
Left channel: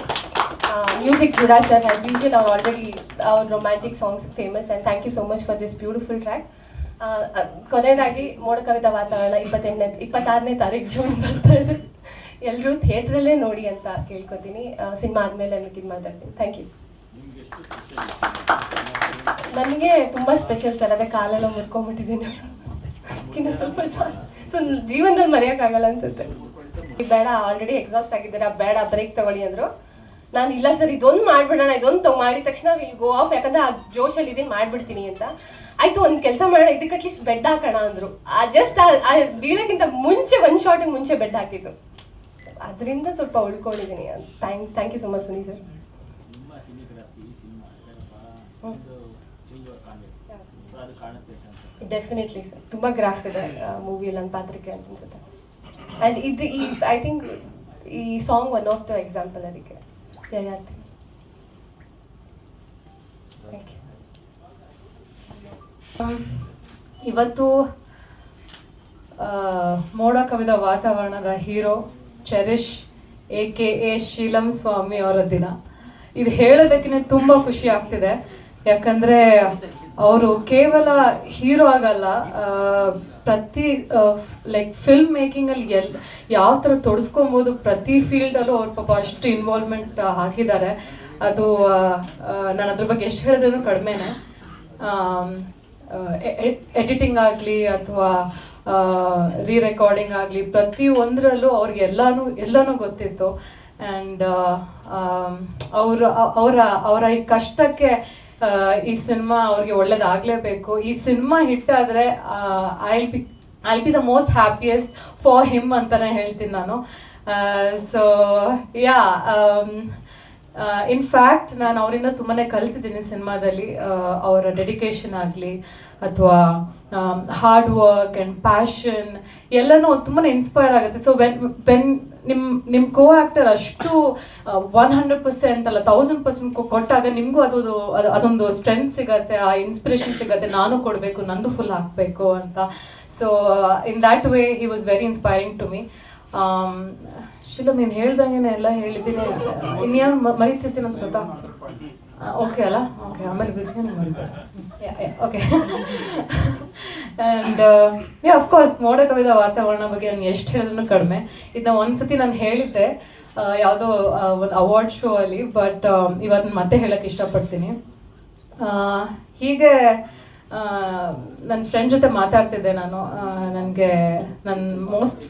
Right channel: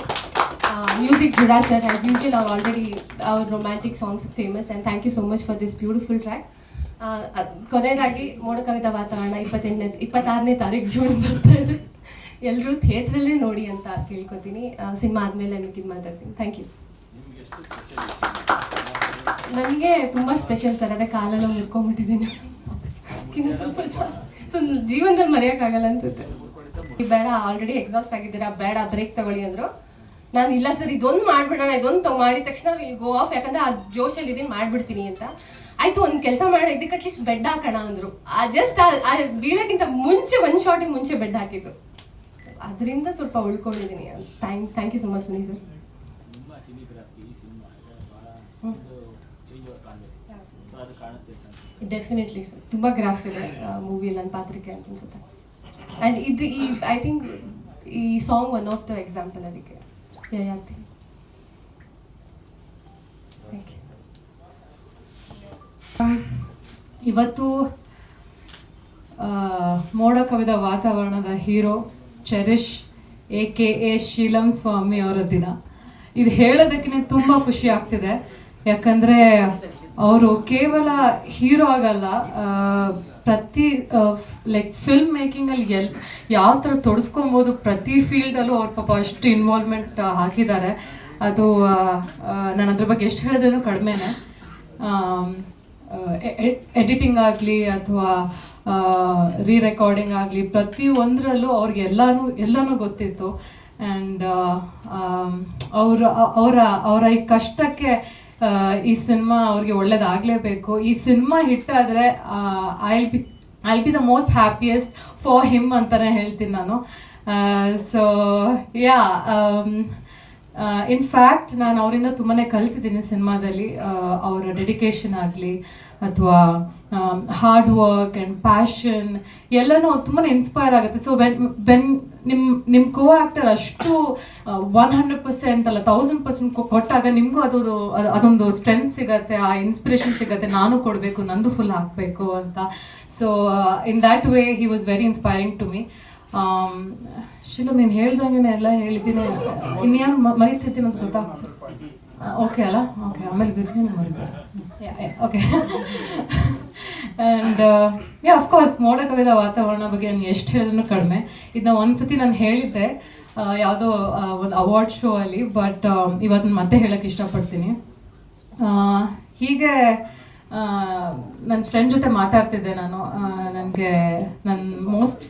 Music Judah sir, as usual ಅವ್ರು ಆಲ್ರೆಡಿ ಅವ್ರ romantic songs famous. And thank you so much for this beautiful track. ಕೊನೆಯದಾಗಿ ಮೋಡಕವಿದ ವಾತಾವರಣ 26ನೇ ತಾರೀಕು ಜೂನ್ ಬರ್ತಾ ಇದೆ. ಎಲ್ಲರೂ ಥಿಯೇಟ್ರಲ್ಲೇ ನೋಡಿ ಅಂತ ಕೇಳ್ಕೊತೀನಿ. ಸಿನಿಮಾ ಆದಮೇಲೆ ಇದು ಮಾತಾಡ್ತೀನಿ. Thank you. ನನಗೆ ತುಂಬ ಸ್ಪೆಷಲ್ ಸರ್, ಅದೇ ಕಾಲೆಲ್ಲ ಮುರ್ಕೊಂಡ್ಬಿಟ್ಟಿದ್ದೀನಿ. ಅದಕ್ಕಿಂತ ಸ್ವಲ್ಪ ಜಾಸ್ತಿ. ಸೊ ಜೀವನದಲ್ಲಿ ಮರೆಯೋಕ್ಕಾಗಲ್ಲ ಅನ್ಸುತ್ತೆ. ಬೇಡ, ಆಲ್ರೆಡಿ ಎಕ್ಸಾಸ್ಟ್ ಆಗಿದ್ದೀರಾ, ಬೇಡ ಬ್ರೇಕ್ ತಗೊಳ್ಳಿ ಅಂದ್ರು. ನಾನು ಇಲ್ಲ ಸರ್ ಇದೊಂದು ಮಾಡ್ಬಿಡೋಣ, ಇದೊಂದು ಮಾಡಿದ ತಕ್ಷಣ ವಿಲ್ ಗೋ ಆಫ್, ಯಾಕಂದ್ರೆ ಆ ಜೋಶಲ್ಲಿ ಇದೀನಿ ಮಾಡ್ಬಿಡ್ತೀನಿ ಅಂತ. ಆಯ್ತು ಒಂದು ಕೆಲಸ ಮಾಡೋಣ, ಇದಕ್ಕೆ ಅಟ್ಲೀಸ್ಟ್ ಬೆಡ್ ಹಾಕೋಣ ಅಂದ್ರು. ಜಸ್ಟ್ ಬೀಳಕ್ಕಿಂತ ಮುಂಚೆ ಒಂದು ಶಾರ್ಟಿಗೆ ಮುಂಚೆ ಬೆಡ್ ಹಾಕಿದ್ದು, ಅದರಿಂದ ಸ್ವಲ್ಪ ಉಳ್ಕೊಂಡಿದ್ದೀನಿ. Thank you so much Suni sir. Definitely sir, ತುಂಬ ಗ್ರಾಫ್ ಇದೆ ಮೂವಿಯಲ್ಲಿ ನನ್ನ ಪಾತ್ರಕ್ಕೆ ಅಂತ ಅನ್ಸುತ್ತೆ. ಆ್ಯಂಡ್ ಇದು ಐ ಥಿಂಕ್ ಈ song one of the example ಅದಕ್ಕೆ. Yayati, thank you. ಇವತ್ತು ಮೋಡ ಕವಿದ ವಾತಾವರಣದ ಹೀರೋ ಚೆರಿಷ್ AKA ಶೀಲಂ ಸ್ವಾಮಿ ಅವರ ದಿನ. ಇದು ಹೇಳೋದಕ್ಕೆ ತುಂಬ ಖುಷಿ ಆಗ್ತಿದೆ, ಯಾಕಂದ್ರೆ ಅವರು ಕೇವಲ ಹೀರೋ ಆಗಲ್ಲ, ಪ್ರತಿ ಲೈಕ್ ಫಿಲ್ಮ್ ಮೇಕಿಂಗ್ ಅಲ್ಲಿ ಯಾವ ಥರ ತೊಡಸ್ಕೊಬೋದು ಪ್ರತಿ ಫೀಲ್ಡಲ್ಲೂ ಅವ್ರ ಪಾಪ ಅಷ್ಟು ಇನ್ವಾಲ್ವ್ಮೆಂಟ್ ಹಾಕಿದ್ದಾರೆ. ಅದು ನಾನು ಅದ್ರ ಬಗ್ಗೆ ಎಷ್ಟು ಹೇಳಿದ್ರೂ ಕಡಿಮೆನೆ. ಎಡಿಟಿಂಗ್ ಆಗಲಿ ಅಥವಾ ರೆಕಾರ್ಡಿಂಗ್ ಆಗಲಿ ಪ್ರತಿ ಒಂದರಲ್ಲೂ ಅವ್ರಿಗೆ ಎಲ್ಲನೂ ಗೊತ್ತಿತ್ತು. ಆ್ಯಂಡ್ ಅವರ ಈ ಕಷ್ಟಕ್ಕೆ ಈ ಸಿನಿಮಾ ಅವ್ರಿಗೆ ಒಳ್ಳೇದಾಗಲೇಬೇಕು. ಈ ಸಿನಿಮಾ ಹಿಟ್ ಆದರೆ I B the most happiest for him ಅಂತಾನೆ ಹೇಳ್ತೀನಿ ನಾನು. ಸೊ ಯಾ, ಇನ್ಫ್ಯಾಕ್ಟ್ ನಾನು ಅವರಿಂದ ತುಂಬಾ ಕಲ್ತಿದ್ದೀನಿ ಸಿನಿಮಾದಲ್ಲಿ. ಅವರ ಡೆಡಿಕೇಶನ್ ಆಗಲಿ ಅಥವಾ ಹಾರ್ಡ್ ವರ್ಕ್ ಆ್ಯಂಡ್ ಪ್ಯಾಷನ್ ಎಲ್ಲನೂ ತುಂಬಾ ಇನ್ಸ್ಪೈರ್ ಆಗುತ್ತೆ. ಸೊ ವೆನ್ ನಿಮ್ಮ ಕೋ ಆಕ್ಟರ್ ಅಷ್ಟು 100% ಅಲ್ಲ 1000% ಕೊಟ್ಟಾಗ ನಿಮಗೂ ಅದೊಂದು ಸ್ಟ್ರೆಂತ್ ಸಿಗತ್ತೆ, ಆ ಇನ್ಸ್ಪಿರೇಷನ್ ಸಿಗತ್ತೆ, ನಾನು ಕೊಡಬೇಕು, ನಂದು ಫುಲ್ ಹಾಕಬೇಕು ಅಂತ. So in that way he was very inspiring to me. Sheelam ನೀನು ಹೇಳ್ದಂಗೆ ಎಲ್ಲ ಹೇಳಿದ್ದೀನಿ, ಇನ್ನೇನು ಮರಿತಿರ್ತೀನಿ ಅಂತ ಗೊತ್ತಾ? ಓಕೆ ಅಲ್ಲ, ಓಕೆ, ಆಮೇಲೆ ಬಿರಿಯಾನಿ ಮಾಡಿದ್ದೆ. ಓಕೆ. ಆ್ಯಂಡ್ ಅಫ್ಕೋರ್ಸ್ ಮೋಡ ಕವಿದ ವಾತಾವರಣ ಬಗ್ಗೆ ನಾನು ಎಷ್ಟು ಹೇಳಿದ್ರು ಕಡಿಮೆ. ಇದನ್ನ ಒಂದ್ಸತಿ ನಾನು ಹೇಳಿದ್ದೆ ಯಾವುದೋ ಒಂದು ಅವಾರ್ಡ್ ಶೋ ಅಲ್ಲಿ, ಬಟ್ ಇವತ್ತು ಮತ್ತೆ ಹೇಳಕ್ಕೆ ಇಷ್ಟಪಡ್ತೀನಿ. ಹೀಗೆ ನನ್ನ ಫ್ರೆಂಡ್ ಜೊತೆ ಮಾತಾಡ್ತಿದ್ದೆ ನಾನು. ನನಗೆ ನನ್ನ ಮೋಸ್ಟ್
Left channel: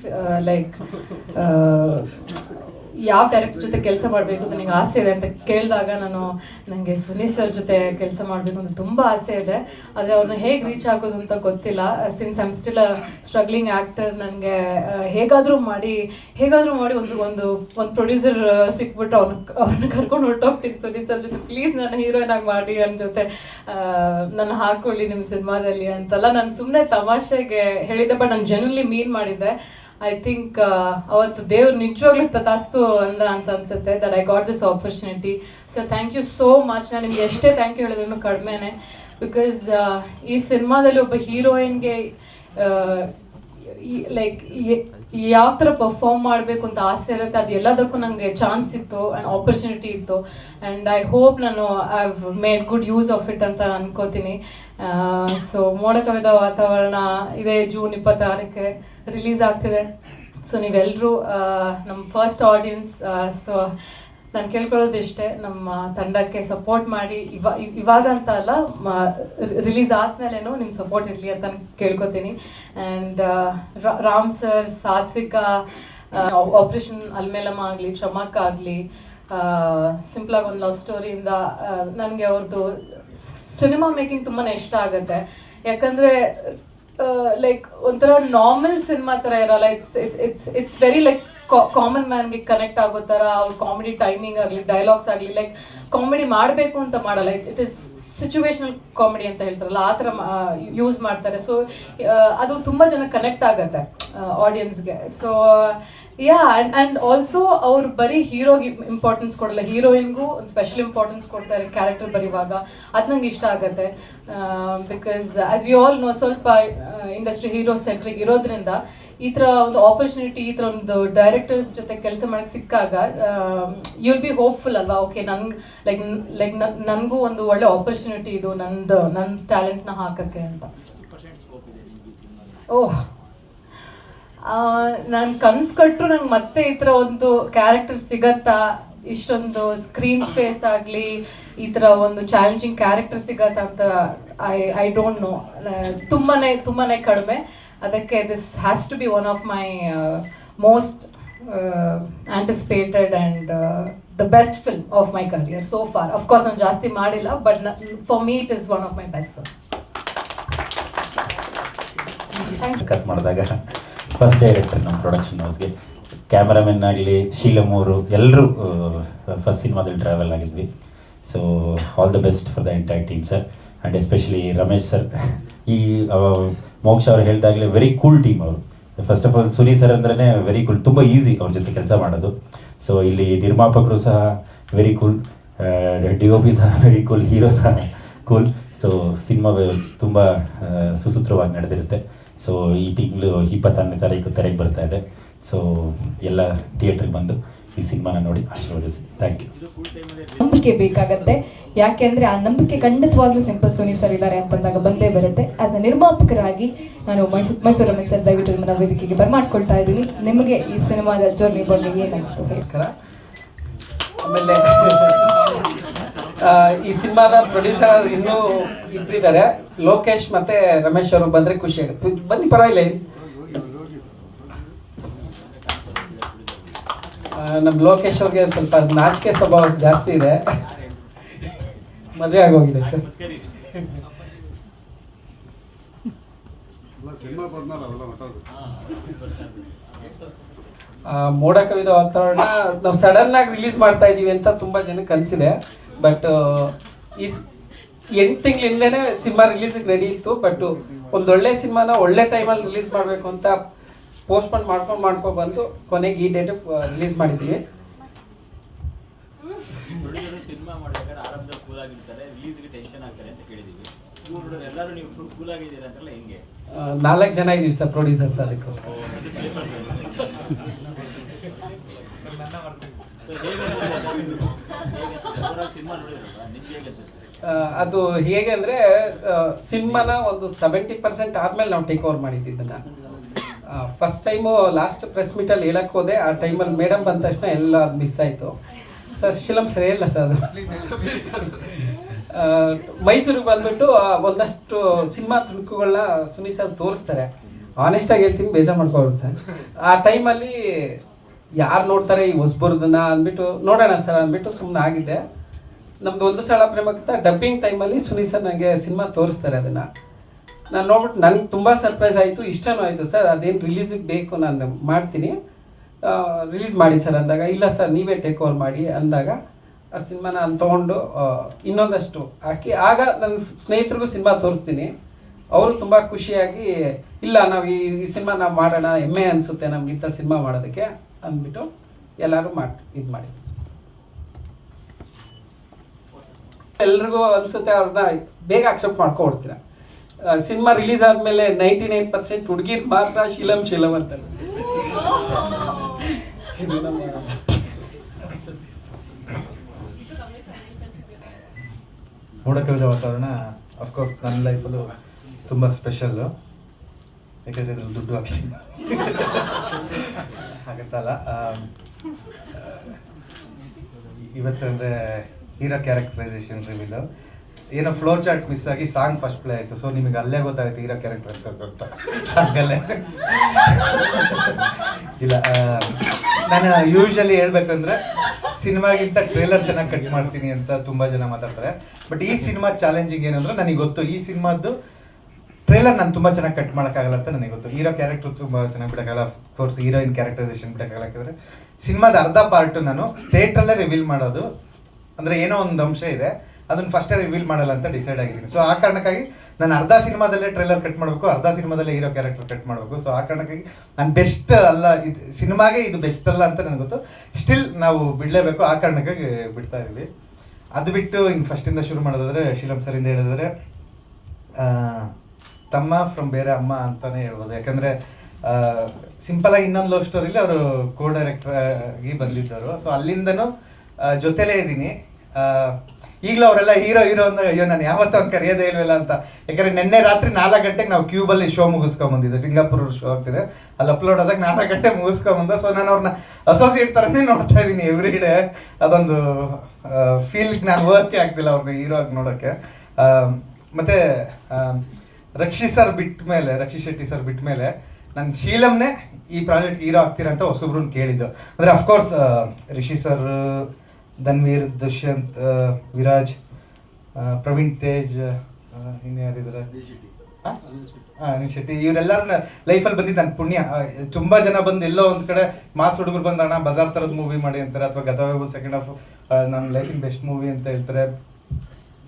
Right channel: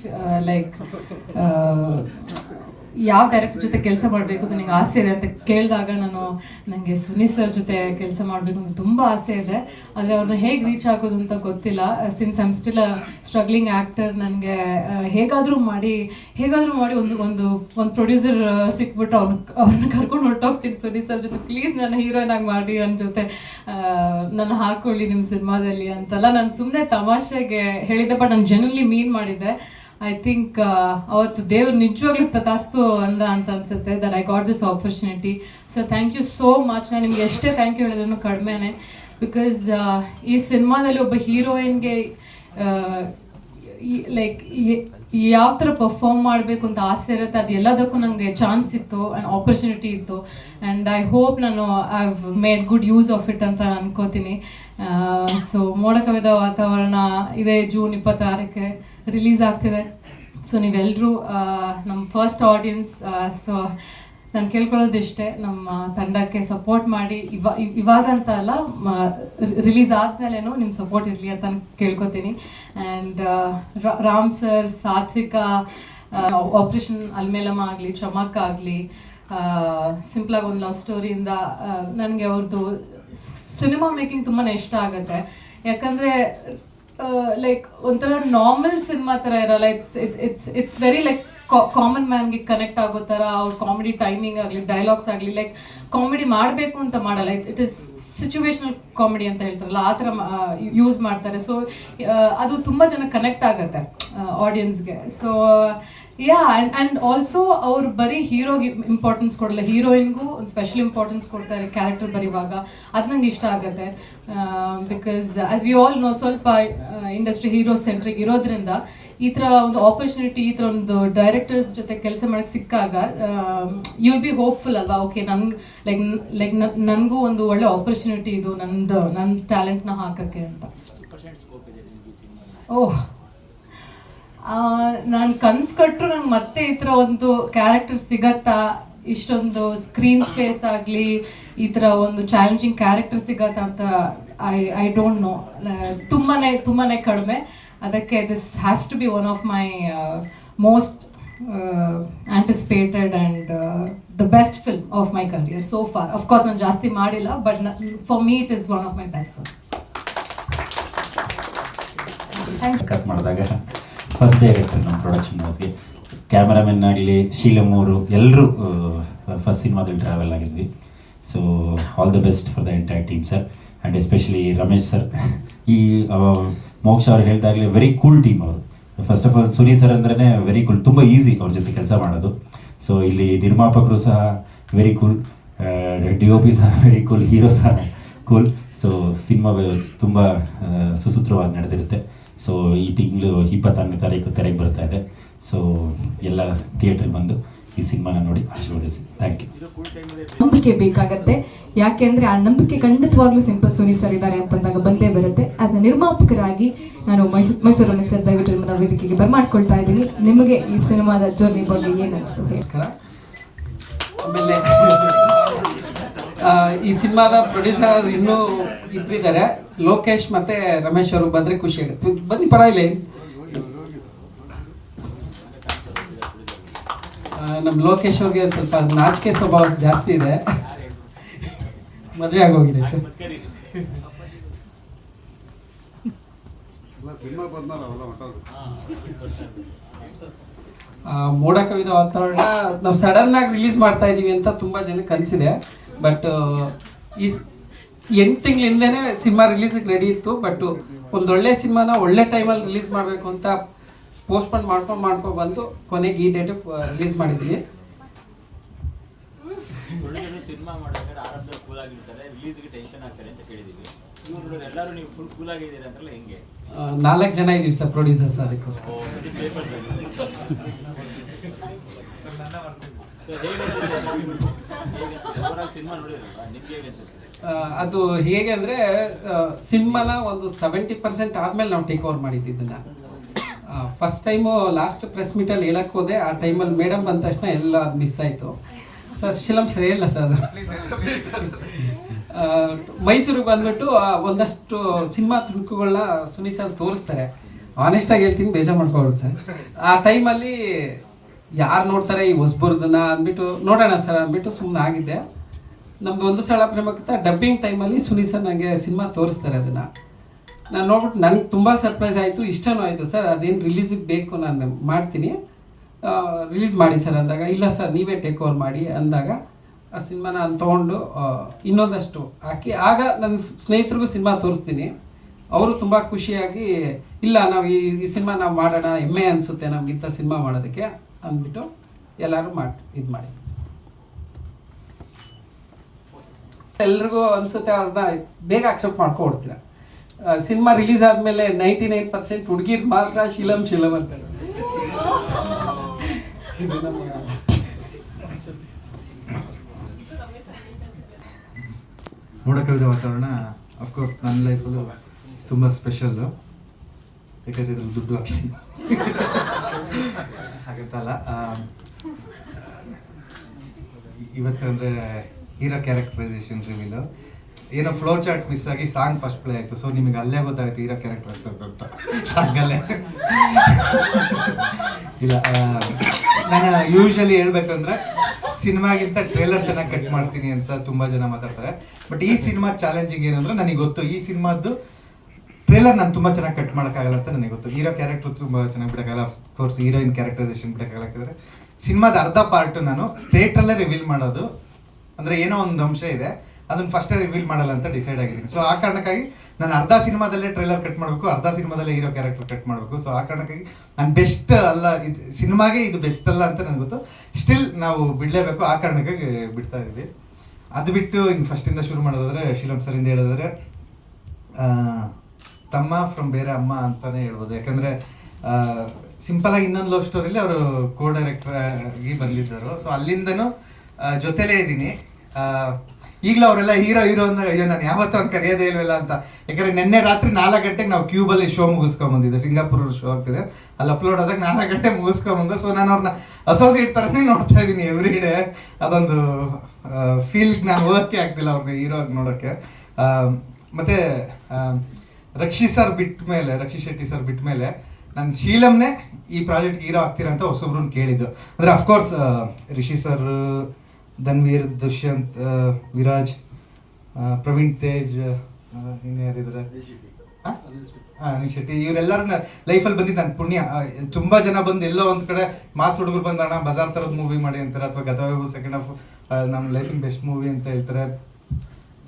ಲೈಕ್ ಯಾವ ಡೈರೆಕ್ಟರ್ ಜೊತೆ ಕೆಲಸ ಮಾಡಬೇಕು ಅಂತ ನಿಂಗೆ ಆಸೆ ಇದೆ ಅಂತ ಕೇಳಿದಾಗ ನನಗೆ ಸುನಿ ಸರ್ ಜೊತೆ ಕೆಲಸ ಮಾಡಬೇಕು ಅಂತ ತುಂಬ ಆಸೆ ಇದೆ. ಆದರೆ ಅವ್ರನ್ನ ಹೇಗೆ ರೀಚ್ ಆಗೋದು ಅಂತ ಗೊತ್ತಿಲ್ಲ. Since I'm still a struggling actor, ನನಗೆ ಹೇಗಾದರೂ ಮಾಡಿ ಒಂದು ಪ್ರೊಡ್ಯೂಸರ್ ಸಿಕ್ಬಿಟ್ಟು ಅವ್ರನ್ನ ಕರ್ಕೊಂಡು ಹೊರಟೋಗ್ತೀನಿ ಸುನಿ ಸರ್ ಜೊತೆ, ಪ್ಲೀಸ್ ನನ್ನ ಹೀರೋಯಿನ್ ಆಗಿ ಮಾಡಿ, ನನ್ನ ಜೊತೆ ನನ್ನ ಹಾಕೊಳ್ಳಿ ನಿಮ್ಮ ಸಿನಿಮಾದಲ್ಲಿ ಅಂತೆಲ್ಲ ನಾನು ಸುಮ್ಮನೆ ತಮಾಷೆಗೆ ಹೇಳಿದ್ದೆ. ಬಟ್ ನಾನು ಜನರಲಿ ಮೀನ್ ಮಾಡಿದ್ದೆ. ಐ ಥಿಂಕ್ ಅವತ್ತು ದೇವ್ರು ನಿಜವಾಗ್ಲೂ ತಥಾಸ್ತು ಅಂತ ಅನ್ಸುತ್ತೆ that I got this opportunity. So thank you so much. ನಾನು ನಿಮ್ಗೆ ಎಷ್ಟೇ ಥ್ಯಾಂಕ್ ಯು ಹೇಳಿದ್ರು ಕಡಿಮೆನೆ. ಬಿಕಾಸ್ ಈ ಸಿನಿಮಾದಲ್ಲಿ ಒಬ್ಬ ಹೀರೋಯಿನ್ಗೆ ಲೈಕ್ ಯಾವ ಥರ ಪರ್ಫಾರ್ಮ್ ಮಾಡಬೇಕು ಅಂತ ಆಸೆ ಇರುತ್ತೆ, ಅದು ಎಲ್ಲದಕ್ಕೂ ನನಗೆ ಚಾನ್ಸ್ ಇತ್ತು ಆ್ಯಂಡ್ ಆಪರ್ಚುನಿಟಿ ಇತ್ತು. ಆ್ಯಂಡ್ ಐ ಹೋಪ್ ನಾನು I have made good use of it ಅಂತ ಅನ್ಕೋತೀನಿ. ಸೊ ಮೋಡ ಕವಿದ ವಾತಾವರಣ ಇದೇ ಜೂನ್ 26ಕ್ಕೆ ರಿಲೀಸ್ ಆಗ್ತಿದೆ. ಸೊ ನೀವೆಲ್ಲರೂ ನಮ್ಮ ಫಸ್ಟ್ ಆಡಿಯನ್ಸ್, ಸೊ ನಾನು ಕೇಳ್ಕೊಳ್ಳೋದಿಷ್ಟೇ, ನಮ್ಮ ತಂಡಕ್ಕೆ ಸಪೋರ್ಟ್ ಮಾಡಿ. ಇವಾಗ ಅಂತ ಅಲ್ಲ, ರಿಲೀಸ್ ಆದ್ಮೇಲೆನೂ ನಿಮ್ಮ ಸಪೋರ್ಟ್ ಇರಲಿ ಅಂತ ನಾನು ಕೇಳ್ಕೊತೀನಿ. And Ram sir, Satvika, operation Alamelamma ಆಗಲಿ, ಚಮಕ್ ಆಗಲಿ, ಸಿಂಪಲಾಗಿ ಒಂದು ಲವ್ ಸ್ಟೋರಿಯಿಂದ ನನಗೆ ಅವ್ರದ್ದು ಸಿನಿಮಾ ಮೇಕಿಂಗ್ ತುಂಬಾ ಇಷ್ಟ ಆಗುತ್ತೆ. ಯಾಕಂದರೆ ಲೈಕ್ ಒಂಥರ ನಾರ್ಮಲ್ ಸಿನಿಮಾ ಥರ ಇರಲ್ಲ. ಇಟ್ಸ್ ವೆರಿ ಲೈಕ್ ಕಾಮನ್ ಮ್ಯಾನ್ಗೆ ಕನೆಕ್ಟ್ ಆಗೋ ಥರ ಅವ್ರ ಕಾಮಿಡಿ ಟೈಮಿಂಗ್ ಆಗಲಿ, ಡೈಲಾಗ್ಸ್ ಆಗಲಿ, ಲೈಕ್ ಕಾಮಿಡಿ ಮಾಡಬೇಕು ಅಂತ ಮಾಡಲ್ಲ. ಇಟ್ ಇಸ್ ಸಿಚುವೇಶನಲ್ ಕಾಮಿಡಿ ಅಂತ ಹೇಳ್ತಾರಲ್ಲ, ಆ ಥರ ಯೂಸ್ ಮಾಡ್ತಾರೆ. ಸೊ ಅದು ತುಂಬ ಜನ ಕನೆಕ್ಟ್ ಆಗುತ್ತೆ ಆಡಿಯನ್ಸ್ಗೆ. ಸೊ ಯಾ, ಆ್ಯಂಡ್ ಆಲ್ಸೋ ಅವ್ರು ಬರೀ ಹೀರೋಗೆ ಇಂಪಾರ್ಟೆನ್ಸ್ ಕೊಡಲ್ಲ, ಹೀರೋಯಿನ್ಗೂ ಒಂದು ಸ್ಪೆಷಲ್ ಇಂಪಾರ್ಟೆನ್ಸ್ ಕೊಡ್ತಾರೆ ಕ್ಯಾರೆಕ್ಟರ್ ಬರೀವಾಗ. ಅದು ನಂಗೆ ಇಷ್ಟ ಆಗುತ್ತೆ. Because as we all know, ಸ್ವಲ್ಪ ಇಂಡಸ್ಟ್ರಿ ಹೀರೋ ಸೆಂಟ್ರಿಕ್ ಇರೋದ್ರಿಂದ ಈ ಥರ ಒಂದು ಆಪರ್ಚುನಿಟಿ, ಈ ಥರ ಒಂದು ಡೈರೆಕ್ಟರ್ಸ್ ಜೊತೆ ಕೆಲಸ ಮಾಡೋಕ್ಕೆ ಸಿಕ್ಕಾಗ ಯು ವಿಲ್ ಬಿ ಹೋಪ್ಫುಲ್ ಅಲ್ವಾ? ಓಕೆ, ನನಗೂ ಒಂದು ಒಳ್ಳೆ ಆಪರ್ಚುನಿಟಿ ಇದು, ನನ್ನ ಟ್ಯಾಲೆಂಟ್ನ ಹಾಕೋಕ್ಕೆ ಅಂತ. ಓಹ್, ನಾನು ಕನ್ಸು ಕಟ್ಟರು ನಂಗೆ ಮತ್ತೆ ಈ ಥರ ಒಂದು ಕ್ಯಾರೆಕ್ಟರ್ ಸಿಗತ್ತಾ, ಇಷ್ಟೊಂದು ಸ್ಕ್ರೀನ್ ಸ್ಪೇಸ್ ಆಗಲಿ, ಈ ಥರ ಒಂದು ಚಾಲೆಂಜಿಂಗ್ ಕ್ಯಾರೆಕ್ಟರ್ ಸಿಗತ್ತಾ ಅಂತ ಐ ಡೋಂಟ್ ನೋ. ತುಂಬಾನೇ ಕಡಿಮೆ. ಅದಕ್ಕೆ this has to be one of my most anticipated and the best film of my career so far. Of course, ನಾನು ಜಾಸ್ತಿ ಮಾಡಿಲ್ಲ, but for me it is one of my best films. Cut ಮಾಡಿದಾಗ first day ಆಗಿರ್ತಾರೆ ನಮ್ಮ production ಹೌಸ್ಗೆ. Cameramen ಆಗಲಿ, ಶೀಲಮ್ ಅವರು ಎಲ್ಲರೂ first ಸಿನಿಮಾದಲ್ಲಿ ಟ್ರಾವೆಲ್ ಆಗಿದ್ವಿ. So all the best for the entire team sir, and especially Ramesh sir. ಈ ಮೋಕ್ಷ ಅವ್ರು ಹೇಳಿದಾಗಲೇ ವೆರಿ ಕೂಲ್ ಟೀಮ್ ಅವರು. First of all Suni sir ಅಂದ್ರೆ ವೆರಿ ಕೂಲ್, ತುಂಬ ಈಸಿ ಅವ್ರ ಜೊತೆ ಕೆಲಸ ಮಾಡೋದು. ಸೊ ಇಲ್ಲಿ ನಿರ್ಮಾಪಕರು ಸಹ very cool, D O P ಸಹ ವೆರಿ ಕೂಲ್, ಹೀರೋ ಸಹ ಕೂಲ್. ಸೊ ಸಿನಿಮಾ ತುಂಬ ಸುಸೂತ್ರವಾಗಿ ನಡೆದಿರುತ್ತೆ. ಸೊ ಈ ತಿಂಗಳು 26ನೇ ತಾರೀಕು ತೆರೆಗೆ ಬರ್ತಾ ಇದೆ. ಸೊ ಎಲ್ಲ ಥಿಯೇಟ್ರಿಗೆ ಬಂದು ಈ ಸಿನಿಮಾನ ನೋಡಿ ಆಶೀರ್ವದಿಸಿ. Thank you. ನಂಬಿಕೆ ಬೇಕಾಗತ್ತೆ, ಯಾಕೆಂದ್ರೆ ಆ ನಂಬಿಕೆ ಖಂಡಿತವಾಗ್ಲೂ ಸಿಂಪಲ್ ಸುನಿ ಸರ್ ಇದ್ದಾರೆ ಅಂತಂದಾಗ ಬಂದೇ ಬರುತ್ತೆ. ಆಸ್ ಅ ನಿರ್ಮಾಪಕರಾಗಿ ನಾನು ಮೈಸೂರು ರಮೇಶ್ ಸರ್ ದಯವಿಟ್ಟು ನಿಮ್ಮನ್ನ ವೇದಿಕೆಗೆ ಬರ್ಮಾಡ್ಕೊಳ್ತಾ ಇದ್ದೀನಿ. ನಿಮಗೆ ಈ ಸಿನಿಮಾದ ಜರ್ನಿ ಬಗ್ಗೆ ಏನು ಅನಿಸ್ತು ಹೇಳಿ? ಆಮೇಲೆ ಈ ಸಿನಿಮಾದ ಪ್ರೊಡ್ಯೂಸರ್ ಇನ್ನೂ ಇಬ್ಬರಿದ್ದಾರೆ, ಲೋಕೇಶ್ ಮತ್ತೆ ರಮೇಶ್ ಅವರು. ಬಂದ್ರೆ ಖುಷಿ ಆಗುತ್ತೆ, ಬನ್ನಿ ಪರವಾಗಿಲ್ಲ. ನಮ್ಮ ಲೋಕೇಶ್ ಅವ್ರಿಗೆ ಸ್ವಲ್ಪ ನಾಚಿಕೆ ಸ್ವಭಾವ ಜಾಸ್ತಿ ಇದೆ, ಮದುವೆ ಆಗೋಗಿದೆ ಸರ್. ಮೋಡ ಕವಿದ ವಾತಾವರಣ ನಾವು ಸಡನ್ ಆಗಿ ರಿಲೀಸ್ ಮಾಡ್ತಾ ಇದೀವಿ ಅಂತ ತುಂಬಾ ಜನಕ್ಕೆ ಅನ್ಸಿದೆ. ಬಟ್ ಈ 8 ತಿಂಗಳ ಹಿಂದೆನೆ ಸಿನಿಮಾ ರಿಲೀಸಿಗೆ ರೆಡಿ ಇತ್ತು. ಬಟ್ ಒಂದೊಳ್ಳೆ ಸಿನಿಮಾನ ಒಳ್ಳೆ ಟೈಮಲ್ಲಿ ರಿಲೀಸ್ ಮಾಡಬೇಕು ಅಂತ ಪೋಸ್ಟ್ಪೋನ್ ಮಾಡ್ಕೊಂಡು ಬಂದು ಕೊನೆಗೆ ಈ ಡೇಟ್ ರಿಲೀಸ್ ಮಾಡಿದ್ವಿ. ಸಿನಿಮಾ ಮಾಡಿದಾಗ ಆರಂಭದಲ್ಲಿ ಕೂಲ್ ಆಗಿರ್ತಾರೆ, ರಿಲೀಸ್ಗೆ ಟೆನ್ಷನ್ ಆಗ್ತಾರೆ ಅಂತ ಕೇಳಿದೀವಿ. ಇವರು ಎಲ್ಲರೂ ನೀವು ಫುಲ್ ಕೂಲ್ ಆಗಿದ್ದೀರಾ ಅಂತಲ್ಲ, ಹೆಂಗೆ? 4 ಜನ ಇದೀವಿ ಸರ್ ಪ್ರೊಡ್ಯೂಸರ್ಸ್. ಅದಕ್ಕೋಸ್ಕರ ಸಿನಿಮಾ ನೋಡಿರಲ್ವಾ, ನಿಮ್ಗೆ ಹೇಗೆ ಅನ್ಸುತ್ತೆ? ಅದು ಹೇಗೆ ಅಂದ್ರೆ ಸಿನಿಮಾನ ಒಂದು 70% ಆದ್ಮೇಲೆ ನಾವು ಟೇಕ್ ಓವರ್ ಮಾಡಿದ್ದನ್ನ. ಫಸ್ಟ್ ಟೈಮು ಲಾಸ್ಟ್ ಪ್ರೆಸ್ ಮೀಟಲ್ಲಿ ಹೇಳಕ್ ಹೋದೆ, ಆ ಟೈಮಲ್ಲಿ ಮೇಡಮ್ ಬಂದ ತಕ್ಷಣ ಎಲ್ಲ ಮಿಸ್ ಆಯಿತು. ಸರ್ ಶಿಲಂ ಸರಿ ಇಲ್ಲ ಸರ್ ಅದು. ಮೈಸೂರಿಗೆ ಬಂದ್ಬಿಟ್ಟು ಒಂದಷ್ಟು ಸಿನಿಮಾ ತುಣುಕುಗಳನ್ನ ಸುನಿ ಸರ್ ತೋರಿಸ್ತಾರೆ. ಆನೆಸ್ಟಾಗಿ ಹೇಳ್ತೀನಿ, ಬೇಜಾರು ಮಾಡ್ಕೊಬೋದು ಸರ್. ಆ ಟೈಮಲ್ಲಿ ಯಾರು ನೋಡ್ತಾರೆ ಈ ಹೊಸಬರ್ದನ್ನ ಅಂದ್ಬಿಟ್ಟು ನೋಡೋಣ ಸರ್ ಅಂದ್ಬಿಟ್ಟು ಸುಮ್ಮನೆ ಆಗಿದ್ದೆ. ನಮ್ದು ಒಂದು ಸಲ ಪ್ರೇಮಕ್ಕಿಂತ ಡಬ್ಬಿಂಗ್ ಟೈಮಲ್ಲಿ ಸುನಿ ಸರ್ ನನಗೆ ಸಿನಿಮಾ ತೋರಿಸ್ತಾರೆ. ಅದನ್ನು ನಾನು ನೋಡ್ಬಿಟ್ಟು ನನಗೆ ತುಂಬ ಸರ್ಪ್ರೈಸ್ ಆಯಿತು, ಇಷ್ಟನೂ ಆಯಿತು. ಸರ್ ಅದೇನು ರಿಲೀಸಿಗೆ ಬೇಕು, ನಾನು ಮಾಡ್ತೀನಿ, ರಿಲೀಸ್ ಮಾಡಿ ಸರ್ ಅಂದಾಗ, ಇಲ್ಲ ಸರ್ ನೀವೇ ಟೇಕ್ ಓವರ್ ಮಾಡಿ ಅಂದಾಗ ಆ ಸಿನಿಮಾ ನಾನು ತೊಗೊಂಡು ಇನ್ನೊಂದಷ್ಟು ಹಾಕಿ ಆಗ ನನ್ನ ಸ್ನೇಹಿತರಿಗೂ ಸಿನಿಮಾ ತೋರಿಸ್ತೀನಿ. ಅವರು ತುಂಬ ಖುಷಿಯಾಗಿ, ಇಲ್ಲ ನಾವು ಈ ಸಿನಿಮಾ ನಾವು ಮಾಡೋಣ, ಹೆಮ್ಮೆ ಅನಿಸುತ್ತೆ ನಮಗಿಂತ ಸಿನಿಮಾ ಮಾಡೋದಕ್ಕೆ ಅಂದ್ಬಿಟ್ಟು ಎಲ್ಲರೂ ಇದು ಮಾಡಿ. ಎಲ್ರಿಗೂ ಅನಿಸುತ್ತೆ ಅವ್ರನ್ನ ಬೇಗ ಅಕ್ಸೆಪ್ಟ್ ಮಾಡ್ಕೊಡ್ತೀರ. ಸಿನಿಮಾ ರಿಲೀಸ್ ಆದಮೇಲೆ 99% ಹುಡುಗಿರ್ ಮಾತ್ರ ಶಿಲಂ ಅಂತಾರೆ. ಇದು ನಮ್ಮ ಮೋಡ ಕವಿದ ವಾತಾವರಣ ಅಫ್ಕೋರ್ಸ್ ನನ್ನ ಲೈಫಲ್ಲೂ ತುಂಬ ಸ್ಪೆಷಲ್ಲು. ಯಾಕಂದರೆ ಇದ್ರಲ್ಲಿ ದುಡ್ಡು ಹಾಗತ್ತಲ್ಲ. ಇವತ್ತು ಅಂದರೆ ಹೀರೋ ಕ್ಯಾರೆಕ್ಟರೈಸೇಷನ್ ರಿವೀಲು ಏನೋ ಫ್ಲೋ ಚಾರ್ಟ್ ಮಿಸ್ ಆಗಿ ಸಾಂಗ್ ಫಸ್ಟ್ ಪ್ಲೇ ಆಯಿತು. ಸೊ ನಿಮಗೆ ಅಲ್ಲೇ ಗೊತ್ತಾಗುತ್ತೆ ಹೀರೋ ಕ್ಯಾರೆಕ್ಟರ್ ಅಂತ ಸಾಂಗಲ್ಲೇ. ಇಲ್ಲ, ನಾನು ಯೂಶಲಿ ಹೇಳ್ಬೇಕಂದ್ರೆ ಸಿನಿಮಾಗಿಂತ ಟ್ರೇಲರ್ ಚೆನ್ನಾಗಿ ಕಟ್ ಮಾಡ್ತೀನಿ ಅಂತ ತುಂಬ ಜನ ಮಾತಾಡ್ತಾರೆ. ಬಟ್ ಈ ಸಿನಿಮಾ ಚಾಲೆಂಜಿಂಗ್ ಏನಂದ್ರೆ ನನಗೆ ಗೊತ್ತು, ಈ ಸಿನಿಮಾದ್ದು ಟ್ರೇಲರ್ ನಾನು ತುಂಬ ಚೆನ್ನಾಗಿ ಕಟ್ ಮಾಡೋಕ್ಕಾಗಲ್ಲ ಅಂತ ನನಗೆ ಗೊತ್ತು. ಹೀರೋ ಕ್ಯಾರೆಕ್ಟರ್ ತುಂಬ ಚೆನ್ನಾಗಿ ಬಿಡೋಕ್ಕಾಗಲ್ಲ, ಕೋರ್ಸ್ ಹೀರೋಯಿನ್ ಕ್ಯಾರೆಕ್ಟರೈಸೇಷನ್ ಬಿಡೋಕ್ಕಾಗಲ್ಲ. ಯಾಕಂದರೆ ಸಿನಿಮಾದ ಅರ್ಧ ಪಾರ್ಟು ನಾನು ಥಿಯೇಟ್ರಲ್ಲೇ ರಿವೀಲ್ ಮಾಡೋದು, ಅಂದರೆ ಏನೋ ಒಂದು ಅಂಶ ಇದೆ ಅದನ್ನು ಫಸ್ಟೇ ರಿವೀಲ್ ಮಾಡಲ್ಲ ಅಂತ ಡಿಸೈಡ್ ಆಗಿದ್ದೀನಿ. ಸೊ ಆ ಕಾರಣಕ್ಕಾಗಿ ನಾನು ಅರ್ಧ ಸಿನಿಮಾದಲ್ಲೇ ಟ್ರೇಲರ್ ಕಟ್ ಮಾಡಬೇಕು, ಅರ್ಧ ಸಿನಿಮಾದಲ್ಲೇ ಹೀರೋ ಕ್ಯಾರೆಕ್ಟರ್ ಕಟ್ ಮಾಡಬೇಕು. ಸೊ ಆ ಕಾರಣಕ್ಕಾಗಿ ನಾನು ಬೆಸ್ಟ್ ಅಲ್ಲ, ಇದು ಸಿನಿಮಾಗೆ ಇದು ಬೆಸ್ಟ್ ಅಲ್ಲ ಅಂತ ನನಗೆ ಗೊತ್ತು. ಸ್ಟಿಲ್ ನಾವು ಬಿಡಲೇಬೇಕು, ಆ ಕಾರಣಕ್ಕಾಗಿ ಬಿಡ್ತಾ ಇದ್ದೀವಿ. ಅದು ಬಿಟ್ಟು ಇನ್ನು ಫಸ್ಟಿಂದ ಶುರು ಮಾಡೋದಾದರೆ ಶಿಲಂ ಸರಿಂದ ಹೇಳೋದಾದರೆ ತಮ್ಮ ಫ್ರಮ್ ಬೇರೆ ಅಮ್ಮ ಅಂತಲೇ ಹೇಳ್ಬೋದು. ಯಾಕಂದರೆ ಸಿಂಪಲಾಗಿ ಇನ್ನೊಂದು ಲವ್ ಸ್ಟೋರಿಲಿ ಅವರು ಕೋ ಡೈರೆಕ್ಟರ್ ಆಗಿ ಬಂದಿದ್ದರು. ಸೊ ಅಲ್ಲಿಂದನೂ ಜೊತೆಲೇ ಇದ್ದೀನಿ. ಈಗಲೂ ಅವರೆಲ್ಲ ಹೀರೋ ಅಂದಾಗ ಅಯ್ಯೋ ನಾನು ಯಾವತ್ತೂ ಹಂಗೆ ಕರೆಯೋದೇ ಇಲ್ವಲ್ಲ ಅಂತ. ಯಾಕಂದರೆ ನಿನ್ನೆ ರಾತ್ರಿ 4 ಗಂಟೆಗೆ ನಾವು ಕ್ಯೂಬಲ್ಲಿ ಶೋ ಮುಗಿಸ್ಕೊಂಬಂದಿದ್ದೆ, ಸಿಂಗಾಪುರ್ ಶೋ ಆಗ್ತಿದೆ, ಅಲ್ಲಿ ಅಪ್ಲೋಡ್ ಆದಾಗ 4 ಗಂಟೆ ಮುಗಿಸ್ಕೊಂಬಂದ. ಸೊ ನಾನು ಅವ್ರನ್ನ ಅಸೋಸಿಯೇಟ್ ಥರನೇ ನೋಡ್ತಾ ಇದ್ದೀನಿ ಎವ್ರಿ ಡೇ. ಅದೊಂದು ಫೀಲ್ ನಾನು ವರ್ಕೇ ಆಗ್ತಿಲ್ಲ ಅವ್ರನ್ನ ಹೀರೋ ಆಗಿ ನೋಡೋಕ್ಕೆ. ಮತ್ತು ರಕ್ಷಿ ಶೆಟ್ಟಿ ಸರ್ ಬಿಟ್ಟ ಮೇಲೆ ನಾನು ಶೀಲಮ್ನೇ ಈ ಪ್ರಾಜೆಕ್ಟ್ ಹೀರೋ ಆಗ್ತೀರಾ ಅಂತ ಹೊಸಬ್ರನ್ನ ಕೇಳಿದ್ದು. ಅಂದರೆ ಅಫ್ಕೋರ್ಸ್ ರಿಷಿ ಸರ್, ಧನ್ವೀರ್, ದುಷ್ಯಂತ್, ವಿರಾಜ್, ಪ್ರವೀಣ್ ತೇಜ್, ಇನ್ಯಾರಿದ್ದಾರೆ, ಅನಿಲ್ ಶೆಟ್ಟಿ, ಇವರೆಲ್ಲರೂ ಲೈಫಲ್ಲಿ ಬಂದಿದ್ದು ನನ್ನ ಪುಣ್ಯ. ತುಂಬ ಜನ ಬಂದು ಎಲ್ಲೋ ಒಂದು ಕಡೆ ಮಾಸ್ ಹುಡುಗರು ಬಂದಣ್ಣ ಬಜಾರ್ ಥರದ ಮೂವಿ ಮಾಡಿ ಅಂತಾರೆ, ಅಥವಾ ಗತವೈಭವ ಸೆಕೆಂಡ್ ಹಾಫ್ ನಮ್ಮ ಲೈಫಿನ ಬೆಸ್ಟ್ ಮೂವಿ ಅಂತ ಹೇಳ್ತಾರೆ.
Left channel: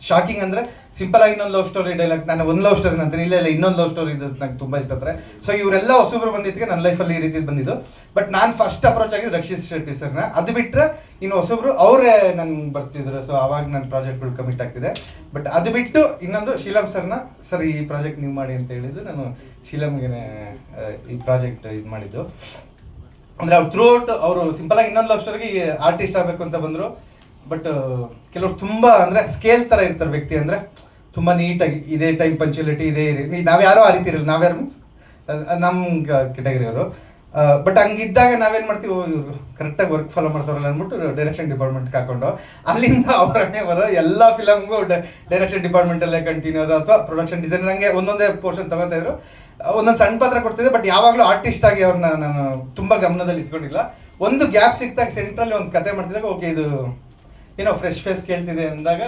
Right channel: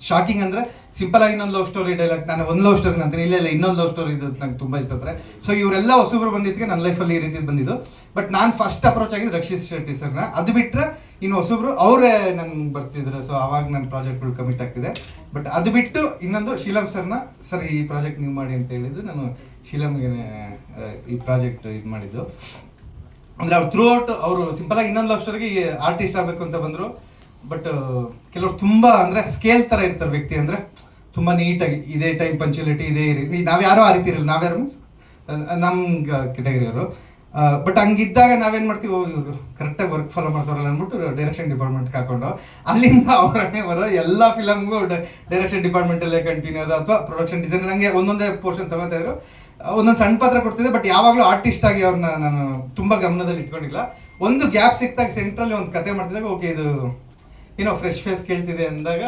ಶಾಕಿಂಗ್ ಅಂದರೆ ಸಿಂಪಲ್ ಆಗಿ ಇನ್ನೊಂದು ಲವ್ ಸ್ಟೋರಿ ಡೈಲಾಗ್, ನಾನು ಒಂದು ಲವ್ ಸ್ಟೋರಿ ಅಂತೀನಿ, ಇಲ್ಲ ಇನ್ನೊಂದು ಲವ್ ಸ್ಟೋರಿ ಇದು ನಂಗೆ ತುಂಬ ಇಷ್ಟ ಆಗ್ತಾರೆ. ಸೊ ಇವರೆಲ್ಲ ಹೊಸಬ್ರು ಬಂದಿದ್ದಕ್ಕೆ ನನ್ನ ಲೈಫಲ್ಲಿ ಈ ರೀತಿ ಬಂದಿದ್ದು. ಬಟ್ ನಾನು ಫಸ್ಟ್ ಅಪ್ರೋಚ್ ಆಗಿದ್ದು ರಕ್ಷಿ ಶೆಟ್ಟಿ ಸರ್ನ. ಅದು ಬಿಟ್ಟರೆ ಇನ್ನು ಹೊಸಬ್ರು ಅವರೇ ನನ್ಗೆ ಬರ್ತಿದ್ರು. ಸೊ ಅವಾಗ ನನ್ನ ಪ್ರಾಜೆಕ್ಟ್ಗಳು ಕಮಿಟ್ ಆಗ್ತಿದೆ. ಬಟ್ ಅದು ಬಿಟ್ಟು ಇನ್ನೊಂದು ಶೀಲಂ ಸರ್ನ, ಸರ್ ಈ ಪ್ರಾಜೆಕ್ಟ್ ನೀವು ಮಾಡಿ ಅಂತ ಹೇಳಿದ್ದು, ನಾನು ಶೀಲಂಗೆ ಈ ಪ್ರಾಜೆಕ್ಟ್ ಇದು ಮಾಡಿದ್ದು. ಅಂದರೆ ಅವ್ರು ಥ್ರೂ ಔಟ್ ಅವರು ಸಿಂಪಲ್ ಆಗಿ ಇನ್ನೊಂದು ಲವ್ ಸ್ಟೋರಿಗೆ ಆರ್ಟಿಸ್ಟ್ ಆಗಬೇಕು ಅಂತ ಬಂದರು. ಬಟ್ ಕೆಲವರು ತುಂಬ ಅಂದರೆ ಸ್ಕೇಲ್ ಥರ ಇರ್ತಾರೆ ವ್ಯಕ್ತಿ, ಅಂದರೆ ತುಂಬ ನೀಟಾಗಿ ಇದೇ ಟೈಮ್ ಪಂಚುಯಾಲಿಟಿ ಇದೇ ರೀತಿ. ನಾವ್ಯಾರೋ ಆ ರೀತಿ ಇರಲ್ಲ, ನಾವ್ಯಾರು ಮೀನ್ಸ್ ನಮ್ಮ ಕೆಟಗರಿಯವರು. ಬಟ್ ಹಂಗಿದ್ದಾಗ ನಾವೇನು ಮಾಡ್ತೀವಿ, ಇವರು ಕರೆಕ್ಟಾಗಿ ವರ್ಕ್ ಫಾಲೋ ಮಾಡ್ತಾರಲ್ಲ ಅಂದ್ಬಿಟ್ಟು ಡೈರೆಕ್ಷನ್ ಡಿಪಾರ್ಟ್ಮೆಂಟ್ಗೆ ಹಾಕೊಂಡು ಅಲ್ಲಿಂದ ಅವರನ್ನೇ ಬರೋ ಎಲ್ಲ ಫಿಲಮ್ಗೂ ಡೈರೆಕ್ಷನ್ ಡಿಪಾರ್ಟ್ಮೆಂಟಲ್ಲೇ ಕಂಟಿನ್ಯೂ ಅದು, ಅಥವಾ ಪ್ರೊಡಕ್ಷನ್ ಡಿಸೈನರ್, ಹಂಗೆ ಒಂದೊಂದೇ ಪೋರ್ಷನ್ ತಗೋತಾ ಇದ್ರು. ಒಂದೊಂದು ಸಣ್ಣ ಪಾತ್ರ ಕೊಡ್ತಿದ್ದೆ. ಬಟ್ ಯಾವಾಗಲೂ ಆರ್ಟಿಸ್ಟ್ ಆಗಿ ಅವ್ರನ್ನ ನಾನು ತುಂಬ ಗಮನದಲ್ಲಿ ಇಟ್ಕೊಂಡಿಲ್ಲ. ಒಂದು ಗ್ಯಾಪ್ ಸಿಕ್ತಾಗ ಸೆಂಟ್ರಲ್ಲಿ ಒಂದು ಕತೆ ಮಾಡ್ತಿದ್ದಾಗ ಓಕೆ ಇದು ಏನೋ ಫ್ರೆಶ್ ಫೇಸ್ ಕೇಳ್ತಿದೆ ಅಂದಾಗ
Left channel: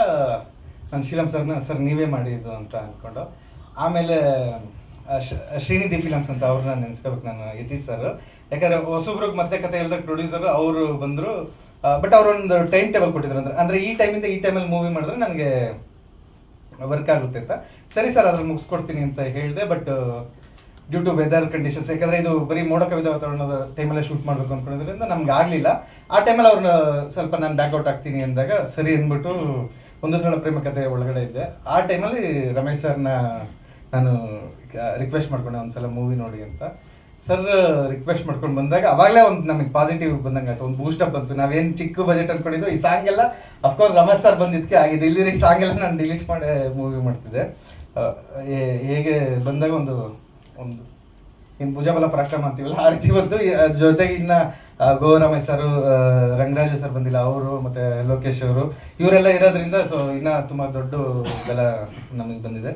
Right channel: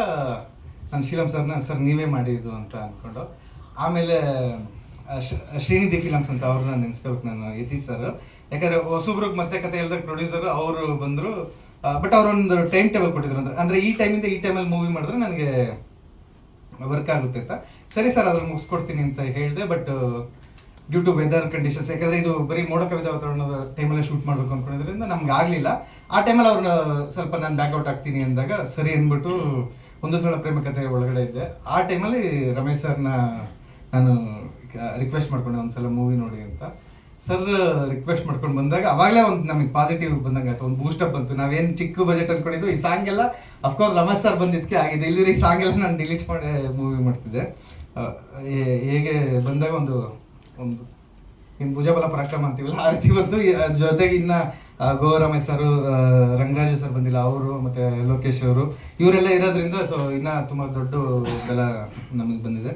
ನಾನು ಶೀಲಂ ಸರ್ನ ಸರ್ ನೀವೇ ಮಾಡಿದ್ದು ಅಂತ ಅಂದ್ಕೊಂಡು, ಆಮೇಲೆ ಶ್ರೀನಿಧಿ ಫಿಲಮ್ಸ್ ಅಂತ ಅವ್ರನ್ನ ನೆನೆಸ್ಕೋಬೇಕು ನಾನು, ಯತೀಶ್ ಸರ್. ಯಾಕಂದರೆ ಹೊಸಬ್ರಿಗೆ ಮತ್ತೆ ಕತೆ ಹೇಳಿದಾಗ ಪ್ರೊಡ್ಯೂಸರ್ ಅವರು ಬಂದರು. ಬಟ್ ಅವರೊಂದು ಟೈಮ್ ಟೇಬಲ್ ಕೊಟ್ಟಿದ್ರು, ಅಂದರೆ ಈ ಟೈಮಿಂದ ಈ ಟೈಮಲ್ಲಿ ಮೂವಿ ಮಾಡಿದ್ರೆ ನನಗೆ ವರ್ಕ್ ಆಗುತ್ತೆ ಅಂತ. ಸರಿ ಸರ್ ಅದ್ರಲ್ಲಿ ಮುಗಿಸ್ಕೊಡ್ತೀನಿ ಅಂತ ಹೇಳಿದೆ. But due to weather conditions, ಯಾಕಂದರೆ ಇದು ಬರೀ ಮೋಡ ಕವಿದ ವಾತಾವರಣದ ಟೈಮಲ್ಲೇ ಶೂಟ್ ಮಾಡಬೇಕು ಅಂದ್ಕೊಂಡಿದ್ರಿಂದ ನಮ್ಗೆ ಆಗಲಿಲ್ಲ. ಆ ಟೈಮಲ್ಲಿ ಅವ್ರನ್ನ ಸ್ವಲ್ಪ ನಾನು ಬ್ಯಾಕ್ಔಟ್ ಆಗ್ತೀನಿ ಅಂದಾಗ ಸರಿ ಅಂದ್ಬಿಟ್ಟು ಒಂದು ಸಲ ಪ್ರೇಮ ಕಥೆ ಒಳಗಡೆ ಇದ್ದೆ. ಆ ಟೈಮಲ್ಲಿ ರಮೇಶ್ ಸರ್ನ ನಾನು ರಿಕ್ವೆಸ್ಟ್ ಮಾಡ್ಕೊಂಡೆ ಒಂದ್ಸಲ ಮೂವಿ ನೋಡಿ ಅಂತ. ಸರ್ ರಿಕ್ವೆಸ್ಟ್ ಮಾಡ್ಕೊಂಡು ಬಂದಾಗ ಅವಾಗಲೇ ಒಂದು ನಮಗೆ ಪಾಸಿಟಿವ್ ಬಂದಂಗೆ ಆಯ್ತು, ಒಂದು ಬೂಸ್ಟಪ್ ಬಂತು. ನಾವೇನು ಚಿಕ್ಕ ಬಜೆಟ್ ಅಂದ್ಕೊಂಡಿದ್ದು, ಈ ಸಾಂಗ್ ಎಲ್ಲ ಅಫ್ಕೋರ್ಸ್ ರಮೇಶ್ ಸರ್ ಬಂದಿದ್ದಕ್ಕೆ ಆಗಿದೆ. ಇಲ್ಲಿದ್ರೆ ಈ ಸಾಂಗ್ ಎಲ್ಲ ನಾನು ಡಿಲೀಟ್ ಮಾಡಿ ಮೂವಿ ಮಾಡ್ತಿದ್ದೆ. ಹೇಗೆ ಬಂದಾಗ ಒಂದು ಏನು ಭುಜಬಲ ಪರಾಕ್ರಮ ಅಂತೀವಲ್ಲ ಆ ರೀತಿ ಬಂತು. ಜೊತೆಗೆ ಇನ್ನು ರಮೇಶ್ ಸರ್, ರಂಗರಾಜ ಸರ್ ಬಂದಿಲ್ಲ, ಅವರು ಮತ್ತು ಲೋಕೇಶ್ ಅವರು, ಇವರೆಲ್ಲ ಇರೋದ್ರಿಂದ ಸೊ ಇನ್ನೂ ತುಂಬ ದೊಡ್ಡ ಬೆಲ ನಮಗೆ ಬಂದಿದೆ.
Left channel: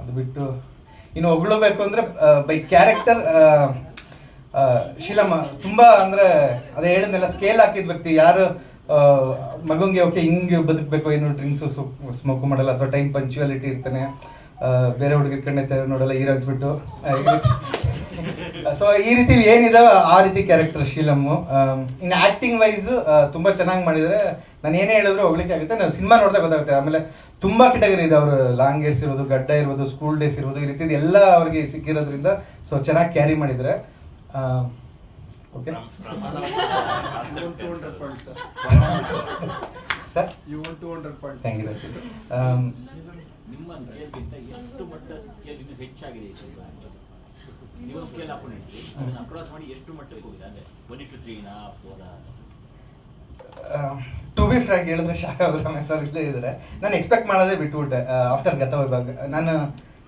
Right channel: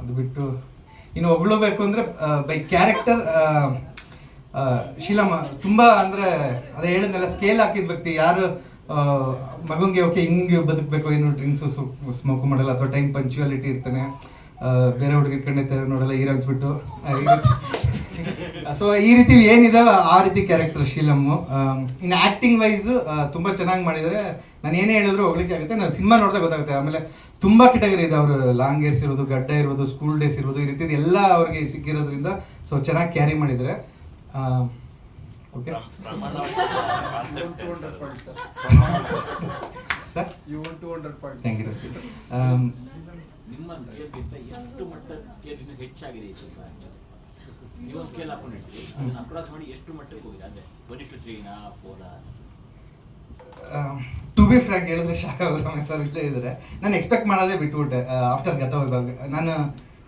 ಅದು ಬಿಟ್ಟು ಇನ್ನು ಹೊಗಳಬೇಕು ಅಂದರೆ ಬೈ ಕ್ಯಾರೆಕ್ಟರ್ ಶೀಲಮ್ಮ ತುಂಬ ಅಂದರೆ ಅದೇ ಹೇಳಿದ್ನೆಲ್ಲ ಸ್ಕೇಲ್ ಹಾಕಿದ ವ್ಯಕ್ತಿ. ಯಾರು ಮಗಂಗೆ ಓಕೆ ಹಿಂಗೆ ಬದುಕಬೇಕು, ಏನು ಡ್ರಿಂಕ್ಸು ಸ್ಮೋಕು ಮಾಡಲ್ಲ, ಅಥವಾ ಟೈಮ್ ಪಂಚುಯಾಲಿಟಿ ಇರ್ತಾನೆ, ಬೇರೆ ಹುಡುಗಿರ್ ಕಣ್ಣೆ ನೋಡಲ್ಲ, ಹೀರೋಯಿನ್ಸ್ ಬಿಟ್ಟು ಸೊ ಈ ರೀತಿ ಏನಿದಾವೆ ಆ ರೀತಿ ಕ್ಯಾರೆಕ್ಟರ್ ಶೀಲಮ್ಮು. ಇನ್ನು ಆ್ಯಕ್ಟಿಂಗ್ ವೈಸ್ ತುಂಬ ಚೆನ್ನಾಗಿ ಮಾಡಿದರೆ ನಾನು ಏನೇ ಹೇಳಿದ್ರು ಹೋಗ್ಲಿಕ್ಕೆ ಆಗುತ್ತೆ. ನಾನು ಸಿನಿಮಾ ನೋಡಿದಾಗ ಗೊತ್ತಾಗುತ್ತೆ. ಆಮೇಲೆ ತುಂಬ ಕೆಟಗರಿ ಇದೆ, ಅವರು ಲಾಂಗ್ ಏರ್ಸ್ ಇರೋದು, ಗಡ್ಡ ಇರ್ಬೋದು, ಸ್ಕೂಲ್ ಡೇಸ್ ಇರ್ಬೋದು, ಈ ರೀತಿ ಎಲ್ಲ ಅವ್ರಿಗೆ ಸಿಕ್ಕಿರೋದ್ರಿಂದ ಸೊ ಚೆನ್ನಾಗಿ ಕ್ಯಾರಿ ಮಾಡಿದರೆ ಓಕೆ. Thank you. ನಿಮ್ಮ ಸ್ಕೇಲ್ಗಿಂತ ಎಷ್ಟು ಮಟ್ಟ ಸ್ಕೇಲ್ ಇನ್ನೂ ಹೆಚ್ಚಾಗಿದೆ ಈ ಸಿನಿಮಾ? ನೀವು ಸ್ಕೇಲ್ ಹಾಕೊಂಡಿದ್ರಿ, ಅದನ್ನ ಅಕ್ರಾಸ್ ಮಾಡಿ ಎಷ್ಟು ಮಟ್ಟಕ್ಕೆ ಹೋಗಿದೆ? ಅಂದರೆ 23 4 ಟು ಬಿ ಫ್ರ್ಯಾಂಕ್ ಹೇಳಿದ್ರೆ ಶಾಕ್ ಆಗೋದು ಸರ್ ಇಲ್ಲೇ ಇದ್ದಾರೆ. ನಾನು ಎಕ್ಸ್ಪೆಕ್ಟ್ ಮಾಡೋದೇ ಬಿಟ್ಬಿಟ್ಟೆ. ಆಫ್ಟರ್ ಗತವೈಭವ ನಾನು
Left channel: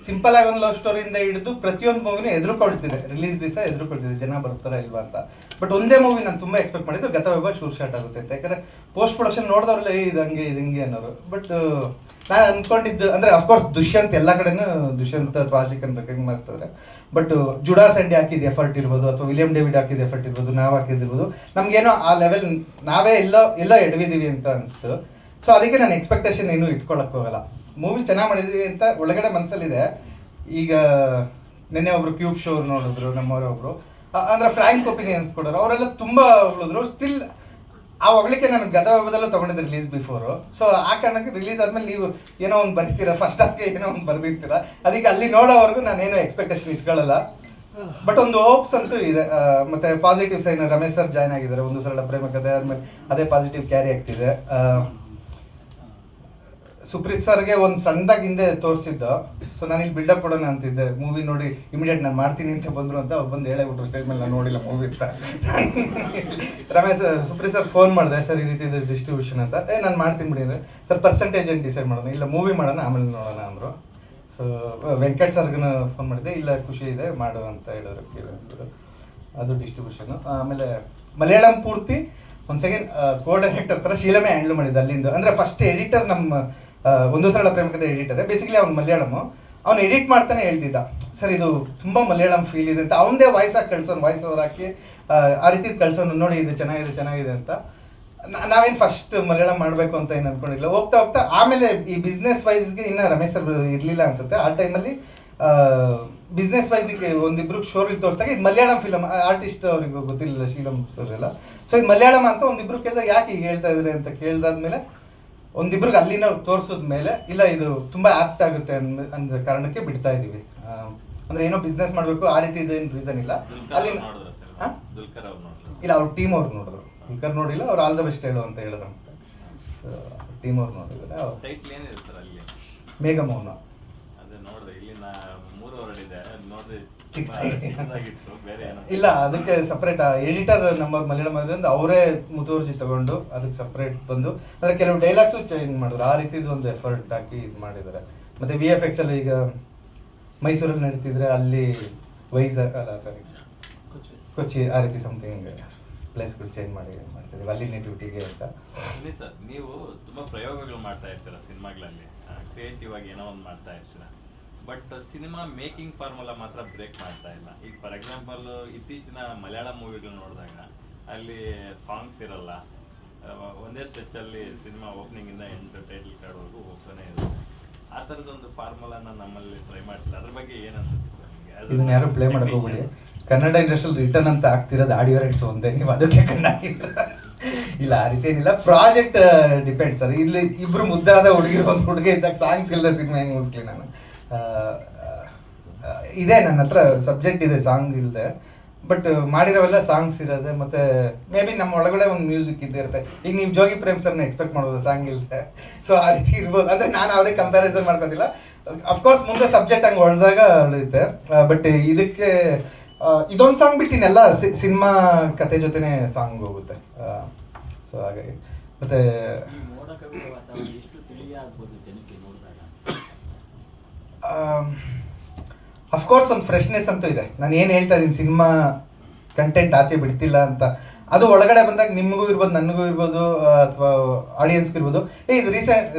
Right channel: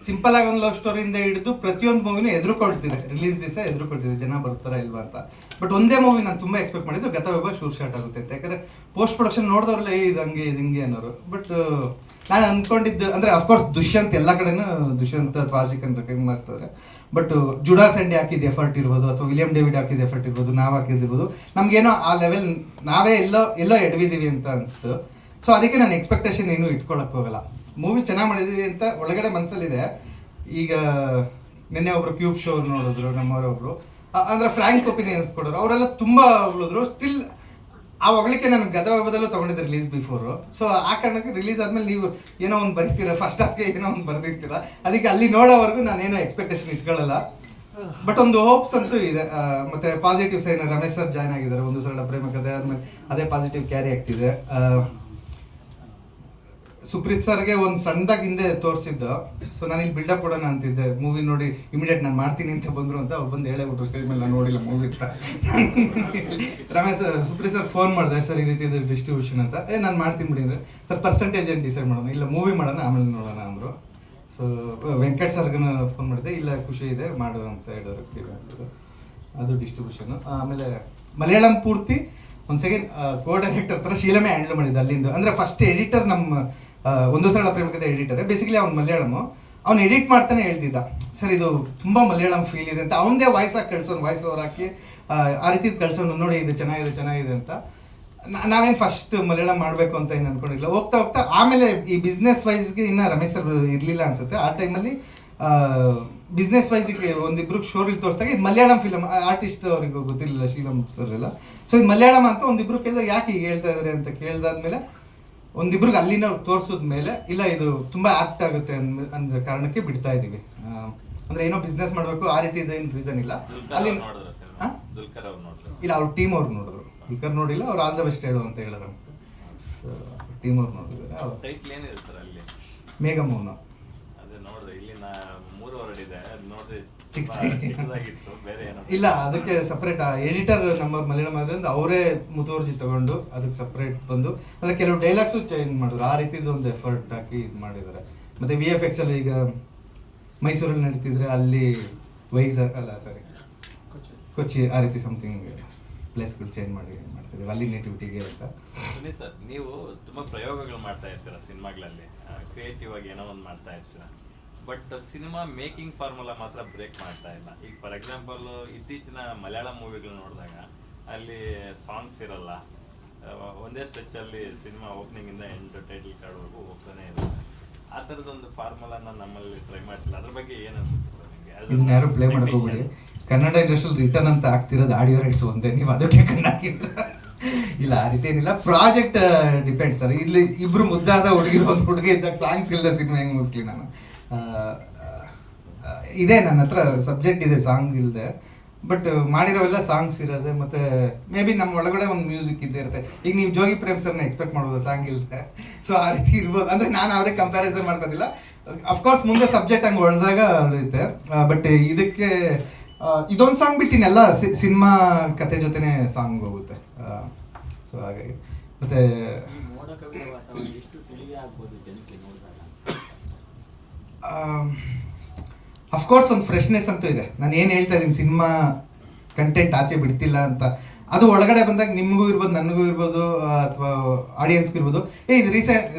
ಸಿಂಪಲ್ ಆಗಿ ಒಂದು ಲವ್ ಸ್ಟೋರಿಯಿಂದ ಹಿಡಿದು ಪ್ರತಿಯೊಂದು ಮೂವಿನೂ ಎದುರುಕೊಳ್ತಿದ್ದೆ, ರಿಲೀಸ್ ದಿವಸ ಎದುರುಕೊಳ್ತಿದ್ದೆ ಜನ ಬರ್ತಾರಾ ಇಲ್ವಾ ಅಂತ. ಬಟ್ ಒಂದೇ ಮೂವಿ ನಾನು ತುಂಬ ಎಕ್ಸ್ಪೆಕ್ಟ್ ಮಾಡಿದ್ದು ಗತವೈಭವ ಶೂರ್ ಶಾರ್ಟ್ ಆಗುತ್ತೆ ಅಂತ. ಯಾಕಂದರೆ ಪೋಸ್ಟ್ ಪ್ರೊಡಕ್ಷನ್ ನೋಡಿದವ್ರಲ್ಲ ಇದು ಹಂಗೆ ಇದು ಹಿಂಗೆ ಅನ್ನೋರು. ಬಟ್ ನಾನು ಅಂದ್ಕೊಂಡಿದ್ದು ಅಂದರೆ ಅಫ್ಕೋರ್ಸ್ ದುಷ್ಯಂತ್ ಎಲ್ಲ ಕಡೆನೂ ದುಷ್ಯಂತ್ ಅಥವಾ ಆಶಿಕ್ ಅಂತ ರೆಕಗ್ನೈಸ್ ಮಾಡ್ತಾರೆ. ಬಟ್ ಜುಡಾ ಸಂಡೆ ಹಾಕಿದ ಎಫರ್ಟ್ ಇರ್ಬೋದು, ಅಥವಾ ವಿಲಿಯಂ ಡೇವಿಡ್ ಹಾಕಿದ ಎಫರ್ಟ್ ಇರ್ಬೋದು, ನಾವು ಹಾಕಿದಿರ್ಬೋದು, ನಮಗೇನೋ ಆ ಲೆವೆಲ್ ನಾವೇ ಎಲ್ಲೋ ಎಡವಿದ್ದೀವಿ ಅಂತ ಅನಿಸ್ತು. ಸೊ ಅದಕ್ಕೆ ನಾನು ಎಕ್ಸ್ಪೆಕ್ಟೇಷನ್ ಏನೂ ಇಟ್ಕೊಳಕ್ಕೆ ಹೋಗಲ್ಲ. ಮೂವಿ ಚೆನ್ನಾಗಿ ಮಾಡಿದ್ವಿ ಅಂತ ಒಳಗಡೆ ಮನಸ್ಸಲ್ಲಿದೆ. ಈಗ ನಿನ್ನೆ ಒಬ್ರು ಕ್ಯೂಬ್ ಶೋ ನೋಡಿದ್ರು ನಮ್ಮವರೊಬ್ರು, ಅಂದರೆ ಫ್ರ್ಯಾಂಕ್ ಒಪಿನಿಯನ್ಸ್ ಕೊಡೋರು, ಅವರೆಲ್ಲ ತುಂಬ ಹೊಗಳಿದ್ರು. ಸ್ಟಿಲ್ ಆ ಹೊಗಳಿಕೆ ನಾನು ಗತವೈಭವದಲ್ಲೂ ತೊಗೊಂಡಿದ್ದೆ ರಿಲೀಸ್ ಬಿಫೋರು. ಸೊ ಆ ಕಾರಣಕ್ಕೆ ರಿಲೀಸ್ ಆದಮೇಲೆ ನೀವು ಏನೋ ಒಂದು ಬರ್ತೀರಾ, ಫಸ್ಟ್ ಹಾಫ್ಗೆ ಏನೋ ಒಂದು ಬರ್ದಿರ್ತೀರ, ಅದಕ್ಕೆ ಅಲ್ಲಿ ನೋಡೋವರೆಗೂ ನಾನೇನೋ ಎಕ್ಸ್ಪೆಕ್ಟೇಷನ್ ಇಸ್ಕೊಳ್ಳಲ್ಲ. ಬಟ್ ಒಂದು ಹೋಪ್ಸ್ ಅಂತೂ ಇದೆ. ಮತ್ತೆ positive sign, Ramesh sir join ಆಗಿದ್ದಾರೆ, ಒಂದು ಸರಳ ಪ್ರೇಮ ಕಥೆ ಆದಮೇಲೆ ಅದೇ ಪಾಸಿಟಿವ್ ಕ್ಯಾರಿ ಆಗ್ತಿದೆ. ಸುಪ್ರೀತ್ ಸರ್ಗೆ ಒಂದು ಸಣ್ಣದಾಗಿ ಹಿಂದೆ ತೋರಿಸಿದ್ದು. ಸೊ ನಾನು ಇಲ್ಲಿ ಬಿಲ್ಡಪ್ ಕೊಡೋಣ ಅಂತಿದ್ದೆ, ಮೂವಿ ನೋಡಿ ಇಮಿಡಿಯೇಟ್ ನಾನು ಮಾಡ್ತೀನಿ ಅಂತ ಬಂದರು ಅಂತ ಅವ್ರು ಬಂದು ಹೇಳೇಬಿಟ್ರು ಸ್ಟೇಜ್ ಮೇಲೆ, ನಾನು ನೋಡಿಲ್ಲ ಮೂವಿ ಅಂತ. ಸುಪ್ರೀತ್ ಸರ್ ಫೋನ್ ಮಾಡಿದೆ, ಸರ್ ಈ ರೀತಿ ಇದೆ ಡಿಸ್ಟ್ರಿಬ್ಯೂಷನ್ ಅಂತ. ನಾನು ಮಾಡ್ತೀನಿ ಬಿಡಿ ಅಂದರೆ, ಸರ್ ಪರ್ಸೆಂಟೇಜ್ ಏನು ಡಿಸೈಡ್ ಮಾಡೋಣ, ಇಲ್ಲ ಮೂವಿ ಮಾಡೋಣ ಆಮೇಲೆ ನೋಡೋಣ ಅಂದರು. ಸೊ ವೆಂಕಟ್ ಸರ್ಗೂ ಫೋನ್ ಮಾಡಿದೆ, ಇಲ್ಲ ಖುಷಿ ಇದೆ ಮಾಡು ಅಂತ ಹೇಳಿದ್ರು. ಅದು ಡಿಸ್ಟ್ರಿಬ್ಯೂಷನು. ಆಮೇಲೆ ಮಲಯಾಳಂ ಪೂರ್ತಿ ಒಂದು ಸೆಕೆಂಡ್ ಕೋ ಡೈರೆಕ್ಟರ್ ಥರ ಶೀಲಮೇ ಹ್ಯಾಂಡಲ್ ಮಾಡಿದ್ದೆ ಅಲ್ಲಿಂದ. ಅಂದರೆ ಫಸ್ಟ್ ಎಡಿಟರ್ ನಮ್ಮ ಒಂದು ಸರಳ ಪ್ರೇಮಕತೆ ಎಡಿಟರ್, ಬೇಸಿಕಲಿ ಅವ್ನು ಮಲಯಾಳಮು. ಅವ್ನು ಎಡಿಟ್ ಮಾಡ್ತಾನೆ ಹೇಳ್ತಿದ್ದ ಸರ್ ಇದು ತುಂಬ ಮಲಯಾಳಂ ಫೀಲ್ ಇದೆ ಅಂತ ಅವನದೇ ವಾಯ್ಸಾಗಿ ಕಳ್ಸೋನು ವಾಯ್ಸ್ ಓವರ್ ಹಾಕಿ ಆ ರೀತಿ ಕಳ್ಸೋನು ನೋಡಿ ಇದು ಚೆನ್ನಾಗಿದೆ ಅಂತ. ನಾವೇನು ಫಸ್ಟ್ ಮಲಯಾಳಂ ಮಾಡಬೇಕು ಅಂತ ಏನು ಅನ್ಕೊಂಡಿಲ್ಲ. ಹೋಗ್ತಾ ಹೋಗ್ತಾ ಆಮೇಲೆ ಈ ಬಿಸ್ನೆಸ್ ವೈಸ್ಗೆ ಇನ್ನು ರಮೇಶ್ ಸರ್ ಇರಲಿಲ್ಲ ಅನ್ಸುತ್ತೆ ಆ ಟೈಮಲ್ಲಿ. ಬಿಸ್ನೆಸ್ ವೈಸಿಗೆ ಒಂದಿಬ್ರು ಶೋರಲ್ಲಿ ತೋರಿಸಿದಾಗ ಇದು ಮಲಯಾಳಂ ಫಿಲಮ್ ಆರ್ಟಿಸ್ಟ್ ಅವ್ರಿಗೆ ಗೊತ್ತಿರಲಿಲ್ಲ ಶೀಲಂ ಸರ್ ಎಲ್ಲ. ಸೊ ಇದು ಮಲಯಾಳಂ ಅಂತ ಒಂದಿಬ್ರು ಕೇಳಿದಾಗ ಯಾಕೆ ಈಗ ಹೇಳ್ತಾ ಇದ್ದಾರೆ ಅಂತ ಕೇಳ್ದಾದ್ಮೇಲೆ ಒಂದಿಬ್ರಿಗೆ ಅಲ್ಲಿನವ್ರು ತೋರಿಸಿದ್ಮೇಲೆ ಇಲ್ಲ ಇದು ತುಂಬ ಆಪ್ಟ್ ಆಗುತ್ತೆ ಅಂದ ಕಾರಣಕ್ಕೆ ಬಿಡ್ತಾ ಇದ್ದೀವಿ. ಅಂದ್ರೆ ಏನೋ ಬಿಸ್ನೆಸ್ ಮಾಡಬೇಕು ಆ ರೀತಿ ಇದೇನು ರೀಸನ್ ಇಲ್ಲ. ಅಲ್ಲಿ ಇಲ್ಲ ಅವ್ರ ಟೀಮ್ ಅವ್ರು ನೋಡಿದ್ರು, ದುಲ್ಕರ್ ನೋಡಿಲ್ಲ, ಅವ್ರು ಆಲ್ ದ ಬೆಸ್ಟ್ ಹೇಳು ಅಂತ ಹೇಳಿದ್ರು. ಟೀಮ್ ಅವ್ರು ನೋಡಿದ್ರೆ ಮೇಘಮೌನ ಇಲ್ಲ ಅದಕ್ಕೆ ಸಪ್ರೇಟ್ ಎಡಿಟರ್ ನಮ್ಮ ಮಲಯಾಳಂ ಆದ್ರಿಂದ ಅವರೇ ಮುತುವರ್ಜಿ ತಗೊಂಡು ಅದಕ್ಕೆ ಸಪ್ರೇಟ್ ಬಂದು ಅಂದ್ರೆ ಕೆಲವು ಡೈಲಾಗ್ಸು ಚೇಂಜ್ ಮಾಡಿದ್ರು. ಆ ರೀತಿದು ಒಂದು ಎಫರ್ಟ್ ಹಾಕಿ ಇದು ಮಾಡಿದ್ದಾರೆ. ಮತ್ತೆ VFX ಅಲ್ಲಿ ಈಗ ಮೈಸೂರಲ್ಲಿ ನಡೀತಿದ್ರೆ ಅಲ್ಲಿ ಕೊಚ್ಚಿ ಆ ರೀತಿ ಸಮಥಿಂಗ್ ಪ್ಲೇಸ್ಗಳು ಚೇಂಜ್ ಮಾಡ್ತಿದ್ವಿ ಅಲ್ಲಿ ನೇಟಿವಿಟಿಗೆ ಅಂತ. ಸರ್ ನೀವು ತುಂಬಾ ಪ್ರಯೋಗಗಳು ಮಾಡ್ತಾ ಇರ್ತೀರಾ ಸಿನಿಮಾಗಳಲ್ಲಿ, ಕ್ರಿಯೇಟಿವ್ ಆಗಿ ಏನೋ ಒಂದು ಮಾಡ್ತಾ ಇರ್ತೀರಾ. ಬಟ್ ಸಿನಿಮಾ ಮೇಕಿಂಗ್ ಫಾರ್ಮುಲಾ ಮಾತ್ರ ಬ್ರೇಕ್ ಮಾಡ್ತಾ ಇಲ್ಲ. ಈಗ ಫಾರ್ ಎಕ್ಸಾಂಪಲ್ ಇತ್ತೀಚಿನ ಮಲಯಾಳಂ ಮೂವಿಗಳು ನೋಡಿದಾಗ ಅಲ್ಲಿ ಸಾಂಗ್ಸ್ ಇರಲ್ಲ, ಒಂದೇ ಸ್ಟ್ರೆಚ್ಚಲ್ಲಿ ಸಿನಿಮಾ ಓಪನಿಂಗ್ ಇಂದ ಎಂಡ್ ಟೈಟಲ್ ಕಾರ್ಡ್ವರೆಗೂ ಹೋಗ್ತಾನೆ ಇರುತ್ತೆ. ಆ ಥರದೊಂದು ಫಾರ್ಮುಲಾನ ನಮ್ಮಲ್ಲಿ ಟ್ರೈ ಮಾಡ್ತಿಲ್ಲ. ಅದ್ರ ಬಗ್ಗೆ ಏನು ಅನ್ಸುತ್ತೆ ಸರ್ ನಿಮಗೆ? ಇದನ್ನ ಯಾರು ಪ್ಲೇ ಮಾಡಕ್ ಹೋಗ್ಬೇಡಿ. ಕನ್ನಡ ಇಂಡಸ್ಟ್ರಿಯಲ್ಲಿ ರಿಟರ್ನ್ ಅಂತ ಆಗ್ತಿರೋದು ಆಡಿಯೋ ರೈಟ್ಸ್ ಒಂದೇ, ನೀವು ಅದಕ್ಕೆ ಕಣ್ಣು ಹಾಕಿದ್ರ ಇಲ್ಲ ಆ ರೀತಿ ಏನಿಲ್ಲ. Project depend sir. ಇಲ್ಲಿ ಇಬ್ರು ಮುದ್ದಾದ ಹುಡುಗಿರು ಒಂದು ಹುಡುಗಿ ಇದ್ದಾಗ ಸಾಂಗ್ಸ್ ಇಲ್ಲದ ಸಿನಿಮಾ ಹೆಂಗೆ ಮುಗಿಸ್ಲಿ ನಾನು? ಇದೆ ನನ್ನ ಹತ್ರ ಸಬ್ಜೆಕ್ಟ್ ಇದೆ ಸಾಂಗ್ ಇಲ್ಲದೆ, ಬಟ್ ಮಾಡಿರೋವೆಲ್ಲ ಸಾಂಗ್ಸ್ ಇರೋದೆ. ಮತ್ತೆ ಮೇ ಬಿ ನಮ್ಮ ಒಳಗಡೆ ಒಂದು ಮ್ಯೂಸಿಕ್ ಇದ್ದೇ ಇರುತ್ತೆ. ಈಗ ನೀವು ಜೋಗಿ ಪ್ರೇಮ್ ಸರ್ನ ಎಕ್ಸ್ಪೆಕ್ಟ್ ಮಾಡ್ಬೋದು ಸಾಂಗ್ ಇಲ್ಲದೆ. ಸೊ ಆ ರೀತಿ ಇರ್ಬೋದು. ಅಂದ್ರೆ ನಾನು ಅವ್ರಿಗೆ ಕಂಪ್ಯಾರಿಸನ್ ಮಾಡ್ಕೋದಿಲ್ಲ. ಅಫ್ಕೋರ್ಸ್ ಮುಂದೆ ಸಬ್ಜೆಕ್ಟ್ ಹಂಗೆ ಹೊಳ್ದಾಗ ಉಳಿಯುತ್ತೆ. ಬಟ್ ಇದಕ್ಕೆ ಇದೊಂದು ಸಾಂಗ್ ಬಿಟ್ಟಿನೆಲ್ಲ ಸಿನಿಮಾ ಕತೆ ಜೊತೆನೆ ಸಾಂಗ್ ಹೋಗುತ್ತೆ. ಸೊ ಹಾಗಾಗಿ ಮತ್ತೆ ಅಫ್ಕೋರ್ಸ್ ಒಂದು ಫ್ರೆಶ್ನೆಸ್ ಅಂತೂ ಇದೆ. ನಾನು ಏನು ಹೇಳ್ತಾ ಇದ್ದೀನಿ ಸಿನಿಮಾ ಕಂಟೆಂಟ್ ಆಚೆ ಬಿಡ್ತಿಲ್ಲ ಅಂತ, ಅದು ಒಳಗಡೆ ಬಂದಾಗ ನಿಮಗೂ ಇರ್ಬೋದು, ನನಗೂ ಇರ್ಬೋದು, ಅಥವಾ ಆಡಿಯನ್ಸ್ಗೂ ಇರ್ಬೋದು, ಇದು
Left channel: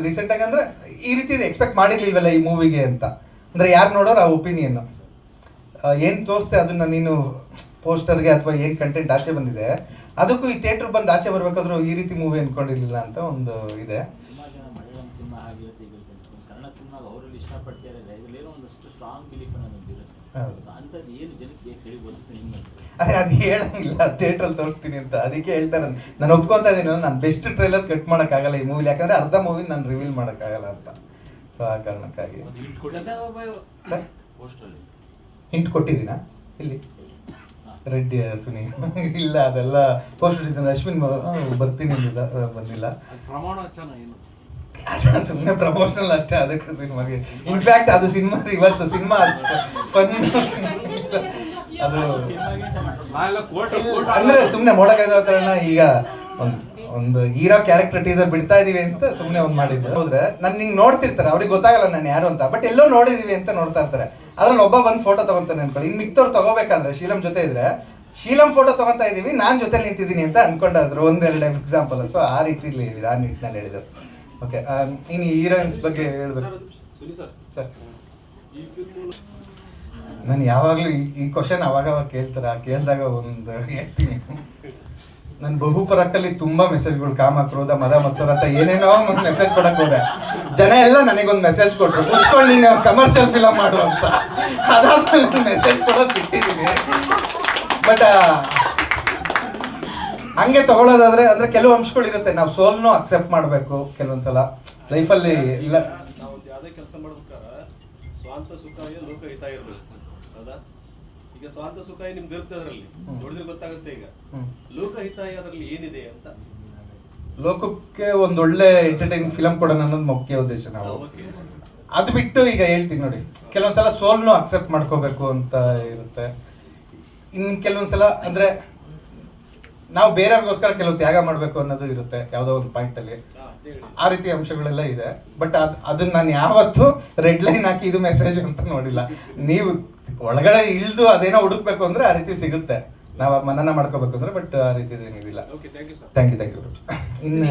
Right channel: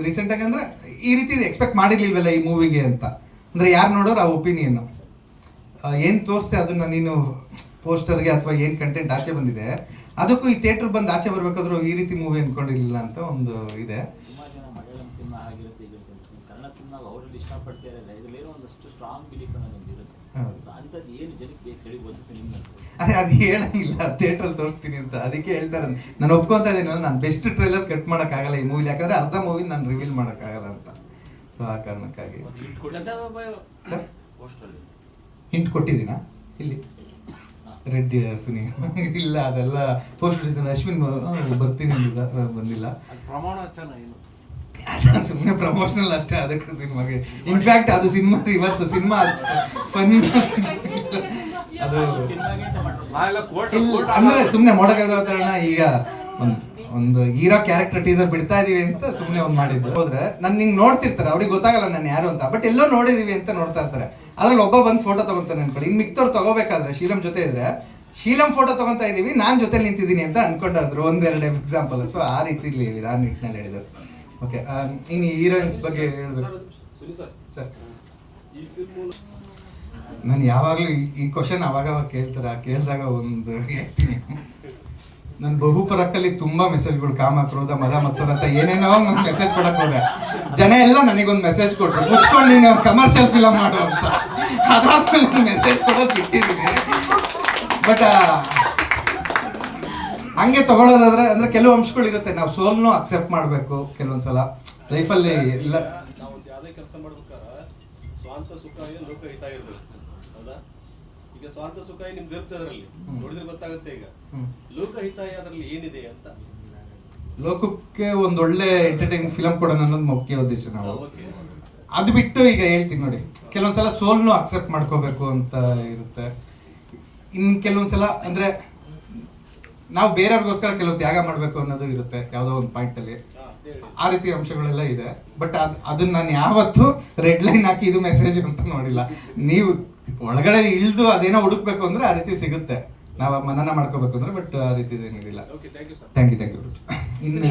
ರೀಸೆಂಟಾಗಿ ಅಂದರೆ ಈ ರೀತಿ ಎಕ್ಸ್ಪೆಕ್ಟ್ ಮಾಡಿರ್ಲಿಲ್ವಲ್ಲ ಈ ಮೂವಿಗೆ ಅಂತ. ಅಂದರೆ ಯಾರು ನೋಡೋರು ಆ ಒಪಿನಿಯನ್ನು ಏನು ತೋರಿಸ್ತೆ ಅದನ್ನ ನೀನು ಪೋಸ್ಟರ್ಗೆ ಅಥವಾ ಏನು ಕಂಟೆಂಟ್ ಆಚೆ ಬಂದಿದೆ ಅದಕ್ಕೂ ಈ ಥಿಯೇಟ್ರ್ ಬಂದು ಆಚೆ ಬರ್ಬೇಕಾದ್ರೂ ಈ ರೀತಿ ಮೂವಿ ಅನ್ಕೊಂಡಿರ್ಲಿಲ್ಲ ಅಂತ ಒಂದು ಇದೆ. ಅದೇ ಅದು ಹೇಳಂಗಿಲ್ಲ ಥಿಯೇಟ್ರಲ್ಲಿ ತೋರಿಸ್ತೀನಿ ಅಂತ, ಅದಕ್ಕೆ ಹೇಳ್ತಾರೆ. ನಾನು ಒಪ್ಕೊಂತ ಇದ್ದೀನಿ, ನಾನು ಬೆಸ್ಟ್ ಟ್ರೈಲರ್ ಕಟ್ ಮಾಡೋಕ್ಕಾಗಲ್ಲ ಈ ಮೂವಿಲಿ, ಯಾಕಂದ್ರೆ ಅರ್ಧ ಮೂವಿ ನಾನು ರಿವೀಲ್ ಮಾಡೋಕ್ಕಾಗಲ್ಲ ಅಂತ. ಸೊ ಆ ಕಾರಣಕ್ಕಾಗಿ ಹಿಂಟ್ ಕೊಟ್ಟಿದ್ದೀನಾ ಇಲ್ಲಿ ರೆಡ್ಡಿ ಸುನಿ ಇಲ್ಲ ಅದೆಲ್ಲ ಪೋಸ್ಟ್ ಡಿಸೈನ್ ಅಶ್ವಿನ್ ಬರ್ತೀನಿ ಅಂದಿಲ್ಲ, ಬಂದಿಲ್ಲ. ಸುಮ್ಮನೆ ಪ್ರಮೋಷನಲ್ ಅಷ್ಟೇ ಅದಕ್ಕೂ ಸಿನಿಮಾಗೆ. ಇನ್ಫ್ಯಾಕ್ಟ್ ಅದು ಸಿನಿಮಾ ರಿವರ್ಸ್, ಸಿನಿಮಾ ಫನ್ ಅದು ಅಂದ್ರೆ ಸುಮ್ಮನೆ ಮೋಡಕಾಯ್ದೋಣ. ಈಗ ಒಂದು ಹೀರೋ ಕ್ಯಾರೆಕ್ಟರ್ ಟೀಸರ್ ಬಿಡ್ತಾ ಇದೀವಿ ಅಂತ ಸುಮ್ಮನೆ ಒಂದು ಮಾಡಿದ್ದು. ಹೋದ್ರೆ ನಾನು ನಿಂಗೆ ನೋಡ್ತಿರ್ತಾರೆ, ಅವ್ರಿಗೆ ಗೊತ್ತಾಗಲ್ಲ ನಾನು ಯಾರು ಅಂತ, ಬಟ್ ಎಲ್ಲೋ ನೋಡಿದೀವಿ ಅಂತ ನೋಡ್ತಾ ಇರ್ತಾರೆ. ಅದ್ರಲ್ಲಿ ಒಬ್ಬ ಬಂದು ಫೋಟೋ ತಗೊಂತಾನೆ ಅನ್ಕೊಳ್ಳಿ. ಇನ್ನು ಮಿಕ್ತವ್ರು ತಗೋಬೇಕಾದ್ರೆ ಶೀಲಂ ಜೊತೆ ಇದ್ರೆ ಶೀಲಂ ಫೋಟೋ ತಗೊಂತಾ ಇದೀವಿ, ನಾನು ಜೊತೆ ನಿಂತಿದ್ದೀನಿ ಅಂತ ಅನ್ಕೊಂಡಾದ್ರು. ಒಂದೆರಡು ಎಕ್ಸಾಂಪಲ್. ಸೊ ಆ ರೀತಿಲಿ ಹೇಳಿದ್ರು, ಆ ನಿಟ್ಟಿನಲ್ಲಿ ಹೇಳಿದ್ರು. ಓಕೆ, ಇನ್ನು ಹೀರೋಯಿನ್ಸ್ ಬಗ್ಗೆ ಹೇಳ್ಬೇಕು ಸರ್. ನಾನು ಯಾವಾಗಲೂ ಈ ಕ್ವಶನ್ ಅವಾಗ ಕೇಳ್ತಾರೆ, ಕೇಳಿದಾಗ ಒಂದು ಹೇಳ್ತೀನಿ. ನನ್ನ ಬಹುಪರಕ್ಕಲ್ಲಿ ತುಂಬಾ ಮೆಸೇಜ್ಗಳು, ಕಾಮ ಕ್ರೋಧ ಮದ ಮತ್ಸರ ಅಂತ ಏನೇನೋ ಮೆಸೇಜ್ ಕೊಡಕ್ ಹೋದೆ. ಜನ ಎಲ್ಲ ನನಗೊಂದು ಮೆಸೇಜ್ ಕೊಟ್ರು, ಮುಚ್ಕೊಂಡು ನೀನು ಕಮರ್ಷಿಯಲ್ ಫಿಲಮ್ ಮಾಡು ಅಂತ. ಅದಾದ್ಮೇಲೆ ಮೆಸೇಜ್ ಕೊಡೋದು ಬಿಟ್ಟಿದ್ದೀನಿ. ಬಟ್ ಹಂಗೆ ತಗೊಳ್ಳೋದಾದ್ರೆ ಅಂದ್ರೆ ಕೆಲವು ಅಂಶಗಳು ಇರುತ್ತೆ, ನಾವು ಸೋಲ್ನು ಅಕ್ಸೆಪ್ಟ್ ಮಾಡಬೇಕು ಕೆಲವೊಂದ್ಸಲ ಲೈಫಲ್ಲಿ. ಇಲ್ಲ ಯಾವುದೇ ಕೆಲಸ ಮಾಡ್ಬೇಕಾದ್ರೆ ಸ್ವಾಂತ ಸುಖಾಯ ಲೋಕ ಹಿತ ಇರ್ಬೇಕು. ಹೌದಾ? ಈಗ ಸ್ವಾಂತ ಸುಖಾಯ ನಿಮ್ಗೆ ಇರುತ್ತೆ, ಅದರಲ್ಲಿ ನೋಡಿದ್ರೆ ಗೊತ್ತಾಗುತ್ತೆ. ಈಗ ಲೋಕ ಹಿತಾಯ ಅದರಲ್ಲಿ ಏನಿದೆ ಅಂತ, ಲೋಕಕ್ಕೆ ಒಂದೊಳ್ಳೆ ಎಂಟರ್ಟೈನಿಂಗ್ ಫಿಲಮ್ ಕೊಡೋಣ ಅನ್ನೋದು ಮುಖ್ಯ ಉದ್ದೇಶ. ನಾವು ಅದು ಬಿಟ್ಟು ಈಗ ಹೇಳ್ತೀನಿ ನೋಡಿ, ಕೆಲವೊಂದ್ಸಲ ಸೋಲ್ನು ಅಕ್ಸೆಪ್ಟ್ ಮಾಡ್ಕೋಬೇಕು ಅಂತ ಇರುತ್ತೆ. ಇನ್ನು ಕೆಲವೊಂದ್ಸಲ ಅಂದ್ರೆ ನಾವು ಬೇರೆಯವ್ರಿಗೋಸ್ಕರ ಕೆಲವು ತ್ಯಾಗ ಮಾಡಬೇಕು ಅನ್ನೋದು ಇರುತ್ತೆ ಯಾವುದೋ ಒಂದು ಪಾಯಿಂಟ್ ಅಲ್ಲಿ. ಆ ರೀತಿ ಅಂಶಗಳೆಲ್ಲ ಇದೆ. ಬಟ್ ಅದನ್ನ ನಾನು ಯಾವತ್ತೂ ರೆಡ್ ಲೈನ್ ಹಾಕಿ ಇದು ಮೆಸೇಜ್ ಅಂತ ನೋಡಿಲ್ಲ. ನೀವು ಒಳಗಡೆ ಇಳಿದು ಅದೇನೋ ಹುಡುಕ್ಬೇಕು ಅಂದ್ರೆ ಆ ರೀತಿ ಸಿಗುತ್ತೆ, ನಾವು ಮನನ ಮಾಡ್ಕೋಬೇಕು ಅಂದ್ರೆ. ಬಟ್ ಆ ರೀತಿ ಏನಿದಿಲ್ಲ. Thank you. ಇನ್ನು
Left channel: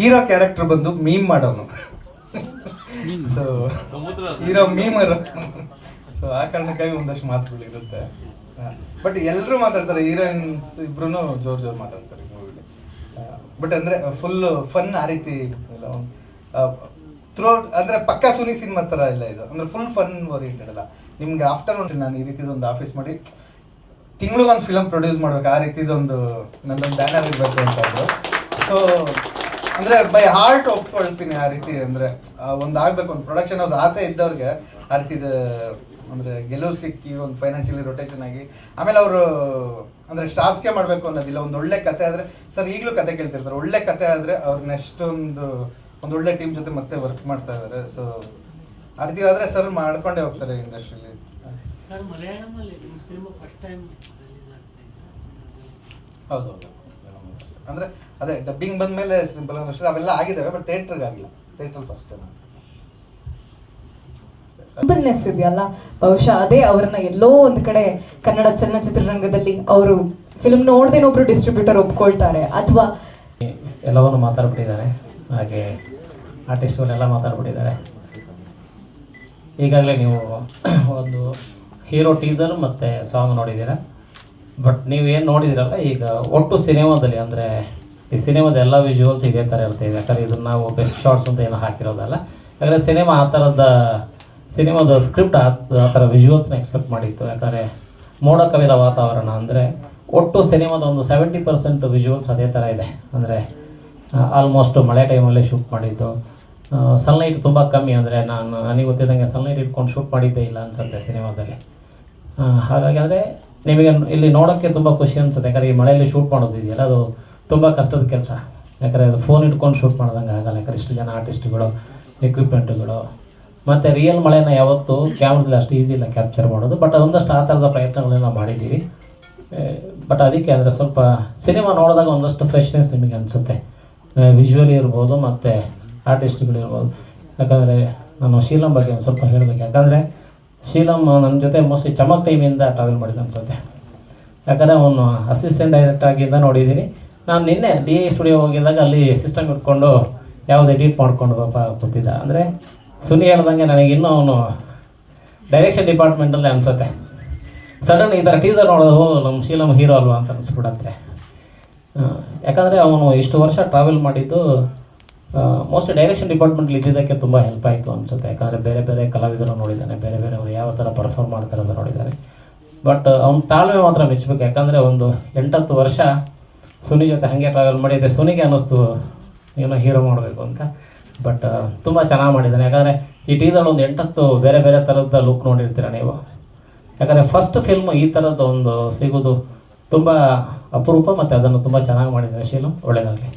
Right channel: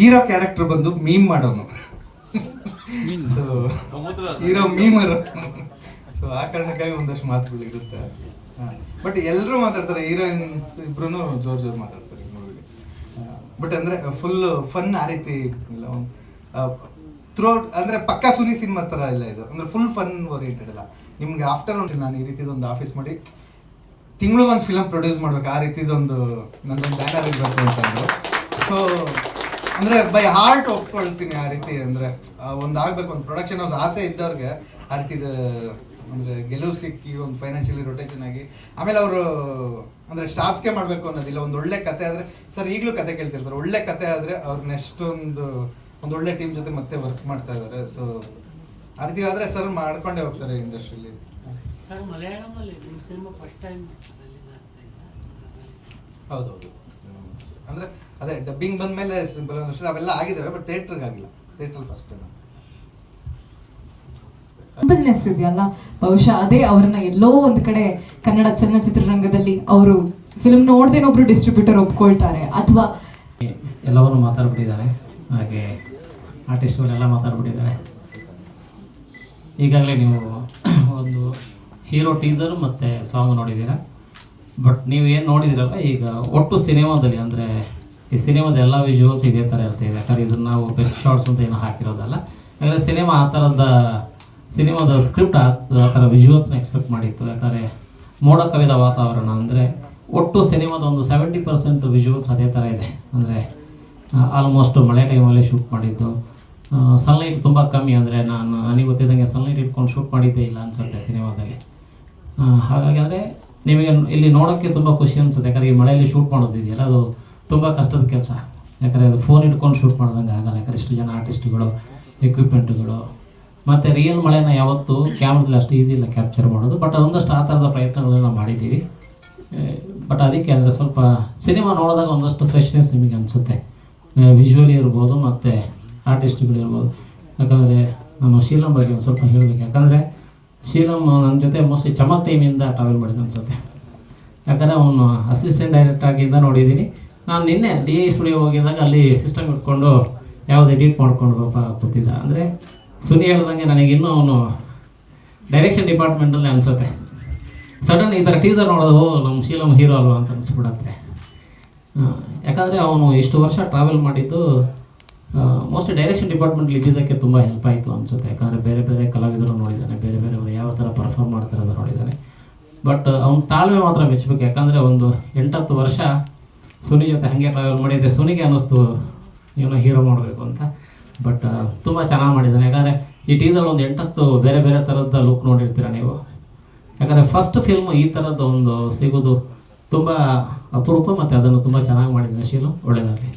ಹೀರೋ ಕ್ಯಾರೆಕ್ಟರ್ ಬಂದು ಮೀಮ್ ಮಾಡೋನು ಸೊ ಸಮುದ್ರ ಹೀರೋ ಮೀಮರು. ಸೊ ಆ ಕಾರಣಕ್ಕಾಗಿ ಒಂದಷ್ಟು ಮಾತುಗಳು ಇರುತ್ತೆ. ಬಟ್ ಎಲ್ಲರೂ ಮಾತಾಡ್ತಾರೆ, ಹೀರೋಯಿನ್ಸ್ ಇಬ್ರು ಜೋರ್ ಮಾತಾಡ್ತಾರೆ ಮೂವಿಲಿ. ಬಟ್ ಅಂದರೆ ಫುಲ್ ಫನ್ ಆ ರೀತಿ ಇಲ್ಲ. ಥ್ರೂಔಟ್ ಅಂದರೆ ಪಕ್ಕಾ ಸುನಿ ಸಿನಿಮಾ ಥರ ಇಲ್ಲ ಇದು. ಅಂದರೆ ಫುಲ್ ಫನ್ ಓರಿಯೆಂಟೆಡ್ ಅಲ್ಲ. ನಿಮ್ಗೆ ಆಫ್ಟರ್ ನಾನು ಈ ರೀತಿದೊಂದು ಆಫೀಸ್ ಮಾಡಿ ತಿಂಗಳಿಗೊಂದು ಫಿಲಮ್ ಪ್ರೊಡ್ಯೂಸ್ ಮಾಡ್ಬೇಕು, ಆ ರೀತಿದೊಂದು ನನ್ನೊಂದು ಬ್ಯಾನರ್ ಇರಬೇಕು ಅಂತ ಅಂದ್ರು. ಸೊ ಅಂದರೆ ಬೈ ಹಾರ್ಟ್ ಒಪ್ಕೊಳ್ತೀನಿ ಆ ರೀತಿ. ಅಂದರೆ ಒಂದು ಆಗಬೇಕು, ಒಂದು ಪ್ರೊಡಕ್ಷನ್ ಹೌಸ್ ಆಸೆ ಇದ್ದವ್ರಿಗೆ ಆ ರೀತಿದ ಅಂದರೆ ಗೆಲುವು ಸಿಕ್ಕಿ ಒಂದು ಫೈನಾನ್ಷಿಯಲಿ ರೊಟೇಷನ್ ಆಗಿ ಆಮೇಲೆ ಅವರು ಅಂದರೆ ಸ್ಟಾರ್ಸ್ಗೆ ಮಾಡಬೇಕು ಅನ್ನೋದಿಲ್ಲ. ಒಂದು ಒಳ್ಳೆ ಕತೆ ಆದರೆ ಸರ್ ಈಗಲೂ ಕತೆ ಕೇಳ್ತಿರ್ತಾರೆ, ಒಳ್ಳೆ ಕತೆ ಆದರೆ ಅವ್ರು ನೆಕ್ಸ್ಟ್ ಒಂದು ಒಳ್ಳೆ ಟೀಮ್ ಜೊತೆ ಮತ್ತೆ ವರ್ಕ್ ಮಾಡ್ತಾ ಇದ್ದಾರೆ. ಸೊ ಆ ರೀತಿ ಆದರೆ ಸರ್ ಮಾಡ್ಕೊಂಡೇ ಹೋಗ್ತಾರೆ ಇಂಡಸ್ಟ್ರಿಲಿ. ಸರ್ ಮಲಯಾಳಂನಲ್ಲಿ ಸಿನಿಮಾ ಫಸ್ಟ್ ಟೈಮ್ ಹೌದೌದು. ಅಂದರೆ ಅದೇ ಡಬ್ಬಿಂಗ್ ಬಂದ ಮೇಲೆ ಸಿಂಪಲ್ ಅಷ್ಟೇ ಅವೆಲ್ಲ ಆಗಿದ್ದಾವೆ, ಬಟ್ ಥಿಯೇಟ್ರಿಗೆ ಆಗಿಲ್ಲ. ಥಿಯೇಟ್ರಲ್ಲಿ ಫಸ್ಟ್ ಟೈಮ್. ಹಂಬಲ್ನೆಸ್ ಇದೆಯಲ್ಲ, ಬಹುಶಃ ಅದೇ ಅವರನ್ನ ಎಲ್ಲೋ ಒಂದು ಕಡೆ ಕನ್ನಡ ಚಲನಚಿತ್ರರಂಗದಲ್ಲಿ ಅವರು ಫಿಲ್ಮ್ ನೋಡ್ದೇನೋ ಒಬ್ರು ಡಿಸ್ಟ್ರಿಬ್ಯೂಟರ್ ಒಪ್ಕೊಳ್ತಾರೆ ಅಥವಾ ಎಲ್ಲವನ್ನು ಮಾತಾಡ್ಬಿಟ್ಟಿದ್ದಾರೆ. ಹಾಗೆ ಆರ್ಟಿಸ್ಟ್ಗಳೆಲ್ಲ ಮಾತಾಡ್ಬಿಟ್ಟಿದ್ದಾರೆ. ಈಗಾಗಲೇ ನೀವು ಒಂದು ಹೀರೋ ಟೀಸರ್ ಮತ್ತು ಸಾಂಗ್ ನೋಡಿದ್ದೀರಾ. ಬಟ್ ನೀವು ಏನು ನೋಡಿದಿರಲ್ಲ, ಈಗ ಒಟ್ಟು ಸಿನಿಮಾದಲ್ಲಿ ಅಂದರೆ ಈ ಸಿನಿಮಾದ ಎಲ್ಲ ವಿಜುವಲ್ಸ್ ಇದೇ ಥರ ಇರ್ತಾಯಿದೆ. ಯಾಕಂದರೆ ಇದನ್ನು ನಾವು ಬೆಸ್ಟ್ ಶಾರ್ಟ್ಸ್ ಅಂತ ಏನೋ ಹಾಕಿರೋದಲ್ಲ. ಯಾಕಂದರೆ ಸಿನಿಮಾ ಆ ಥರದ ಸಿನಿಮಾದ ಸ್ಕ್ರಿಪ್ಟ್ ಆ ಥರ ವಿಜುವಲ್ಸ್ನ ಎಕ್ಸ್ಪೆಕ್ಟ್ ಮಾಡಿತ್ತು. ಯಾಕಂದರೆ ಮೋಡ ಕವಿದ ವಾತಾವರಣ ಅಂದರೆ ಒಟ್ಟು ಸಿನಿಮಾದ ಒಂದು 70% ವಿಜುವಲ್ಸ್ ಅದೇ ಥರ ಇದೆ. ಅಂದರೆ ಆಲ್ಮೋಸ್ಟ್ ಮಳೆ ಟೈಮಲ್ಲೇ ಶೂಟ್ ಮಾಡಿದ್ದು. ಸನ್ಲೈಟ್ ತುಂಬ ಕಮ್ಮಿ, ಅಂದರೆ ನನಗೆ ಗೊತ್ತಿದ್ದಂಗೆ ಸನ್ಲೈಟ್ ಇಟ್ಕೊಂಡು ಶೂಟ್ ಮಾಡಿದ್ದೇ ಇಲ್ಲ ಅನಿಸುತ್ತೆ ಸಿನಿಮಾದಲ್ಲಿ. ಹಾಗಾಗಿ ಅಂದರೆ ನಿಮಗೆ ಇಲ್ಲಿ ನೋಡೋಕ್ಕೆ ತುಂಬ ಖುಷಿ ಅನಿಸುತ್ತೆ. ಯಾಕಂದರೆ ಈ ಮಳೆಯಲ್ಲಿ ಶೂಟ್ ಮಾಡೋದಿದೆಯಲ್ಲ, ಅದು ತುಂಬ ಕಷ್ಟದ ಕೆಲಸ. ಯಾಕಂದರೆ ಅದು ಫೋನ್ ಇಟ್ಕೊಂಡು ಶೂಟ್ ಮಾಡ್ದಂಗೆ ಆಗಲ್ಲ. ಯಾಕಂದರೆ ಇಷ್ಟು ಜನ ಆರ್ಟಿಸ್ಟ್ಗಳು, ಎಕ್ವಿಪ್ಮೆಂಟ್ಗಳು, ಮತ್ತು ರಿಯಲ್ ಮಳೆನ ಯಾವತ್ತೂ ಕ್ಯಾಮ್ರಲ್ಲಿ ಅಷ್ಟು ಈಸಿ ಇಲ್ಲ ಕ್ಯಾಪ್ಚರ್ ಮಾಡೋದು. ಬಟ್ ಅದೊಂದಷ್ಟು ಆ ಥರದ ಪ್ರಯತ್ನಗಳನ್ನ ಮಾಡಿದ್ದೀವಿ. ಬಟ್ ಅದಕ್ಕೆ ಅಂದರೆ ಸ್ವಲ್ಪ ಸಿನಿಮಾ ನೋಡಿದಾಗ ಒಂದಷ್ಟು ಫ್ರೆಶ್ನೆಸ್ ನಿಮಗೆ ಅನಿಸುತ್ತೆ. ವಿಜುವಲಿ ಇರ್ಬೋದು ಮತ್ತು ಆರ್ಟಿಸ್ಟ್ಗಳಿರ್ಬೋದು. ಯಾಕಂದರೆ ನಮ್ಮ ಶೀಲಂ ಬಗ್ಗೆ ಒಂದು ಸ್ವಲ್ಪ ಹೇಳಬೇಕು. ಯಾಕಂದರೆ ಶೀಲಂ ನನ್ನ ಜೊತೆ ಮೋಸ್ಟ್ಲಿ ಚಮಕ್ ಟೈಮಿಂದ ಟ್ರಾವೆಲ್ ಮಾಡಿದ್ದು ಅನಿಸುತ್ತೆ. ಯಾಕಂದರೆ ಅವನು ಅಸಿಸ್ಟೆಂಟ್ ಡೈರೆಕ್ಟ್ ಆಗಿಂದ ನೋಡಿದ್ದೀನಿ. ನಾನು ನಿನ್ನೆ DI ಸ್ಟುಡಿಯೋ ಹೋಗಿದ್ದಾಗ ಅಲ್ಲಿ ಸಿಸ್ಟಮ್ ಇಟ್ಕೊಂಡು ಯಾವುದು ಎಡಿಟ್ ಮಾಡ್ಕೊಂಡು ಕೂತಿದ್ದ. ಅಂದರೆ ಸುನಿ ಹೇಳ್ದಂಗೆ ನನಗಿನ್ನೂ ಅವನು ಡೈರೆಕ್ಷನ್ ಡಿಪಾರ್ಟ್ಮೆಂಟಲ್ಲೇ ಅನಿಸುತ್ತೆ. ಸಡನ್ ಈ ಥರ ಟೀಸರ್ ನೋಡೋದು ನಮ್ಮ ಶೀಲಂ ಹೀರೋ ಅಲ್ವಾ ಅಂತ ಅನಿಸ್ಬಿಡತ್ತೆ. ಯಾಕಂದರೆ ಅವನು ಇಷ್ಟು ವರ್ಷ ಟ್ರಾವೆಲ್ ಮಾಡಿದ್ದು ಮೋಸ್ಟ್ಲಿ ಡೈರೆಕ್ಷನ್ ಡಿಪಾರ್ಟ್ಮೆಂಟ್ಲಿ ಇದ್ದಿದ್ದಕ್ಕೆ ತುಂಬ ಹೆಲ್ಪ್ ಆಯಿತು ಅನಿಸುತ್ತೆ. ಯಾಕಂದರೆ ಬೇರೆ ಬೇರೆ ಕಲಾವಿದರು ನೋಡಿದ್ದಾನೆ, ಬೇರೆ ಬೇರೆಯವರು ಯಾವ ಥರ ಪರ್ಫಾರ್ಮ್ ಮಾಡ್ತಾರೆ ಅಂತ ನೋಡಿದ್ದಾನೆ. ಬಟ್ ಅವ್ನ ತಾಳ್ಮೆ ಮಾತ್ರ ಮೆಚ್ಚಬೇಕು. ಯಾಕಂದರೆ ಒಂದು 8-10 ವರ್ಷ ಸುನಿ ಜೊತೆ ಹಾಗೆ ಟ್ರಾವೆಲ್ ಮಾಡಿದರೆ ಸುನಿಗೆ ಅನ್ನಿಸ್ತು ಏನೋ ಹೀರೋ ಮಾಡಬೇಕು ಅಂತ. ಬಟ್ ತುಂಬ ಚೆನ್ನಾಗಿ ಮಾಡಿದ್ದಾನೆ. ಯಾಕಂದರೆ ಈ ಟೀಸಲ್ಲಿ ಒಂದು 8-10 ಬೇರೆ ಬೇರೆ ಥರದ ಲುಕ್ ನೋಡಿರ್ತೀರ ನೀವು. ಯಾಕಂದರೆ ಫಸ್ಟ್ ಫಿಲ್ಮ್ ಈ ಥರದ್ದು ಒಂದು ಸಿಗೋದು ತುಂಬ ಅಪರೂಪ, ಮತ್ತು ಅದನ್ನು ತುಂಬ ಚೆನ್ನಾಗಿ ಮಾಡಿದ್ದಾನೆ ಶೀಲು. ಒಳ್ಳೆಯದಾಗಲಿ.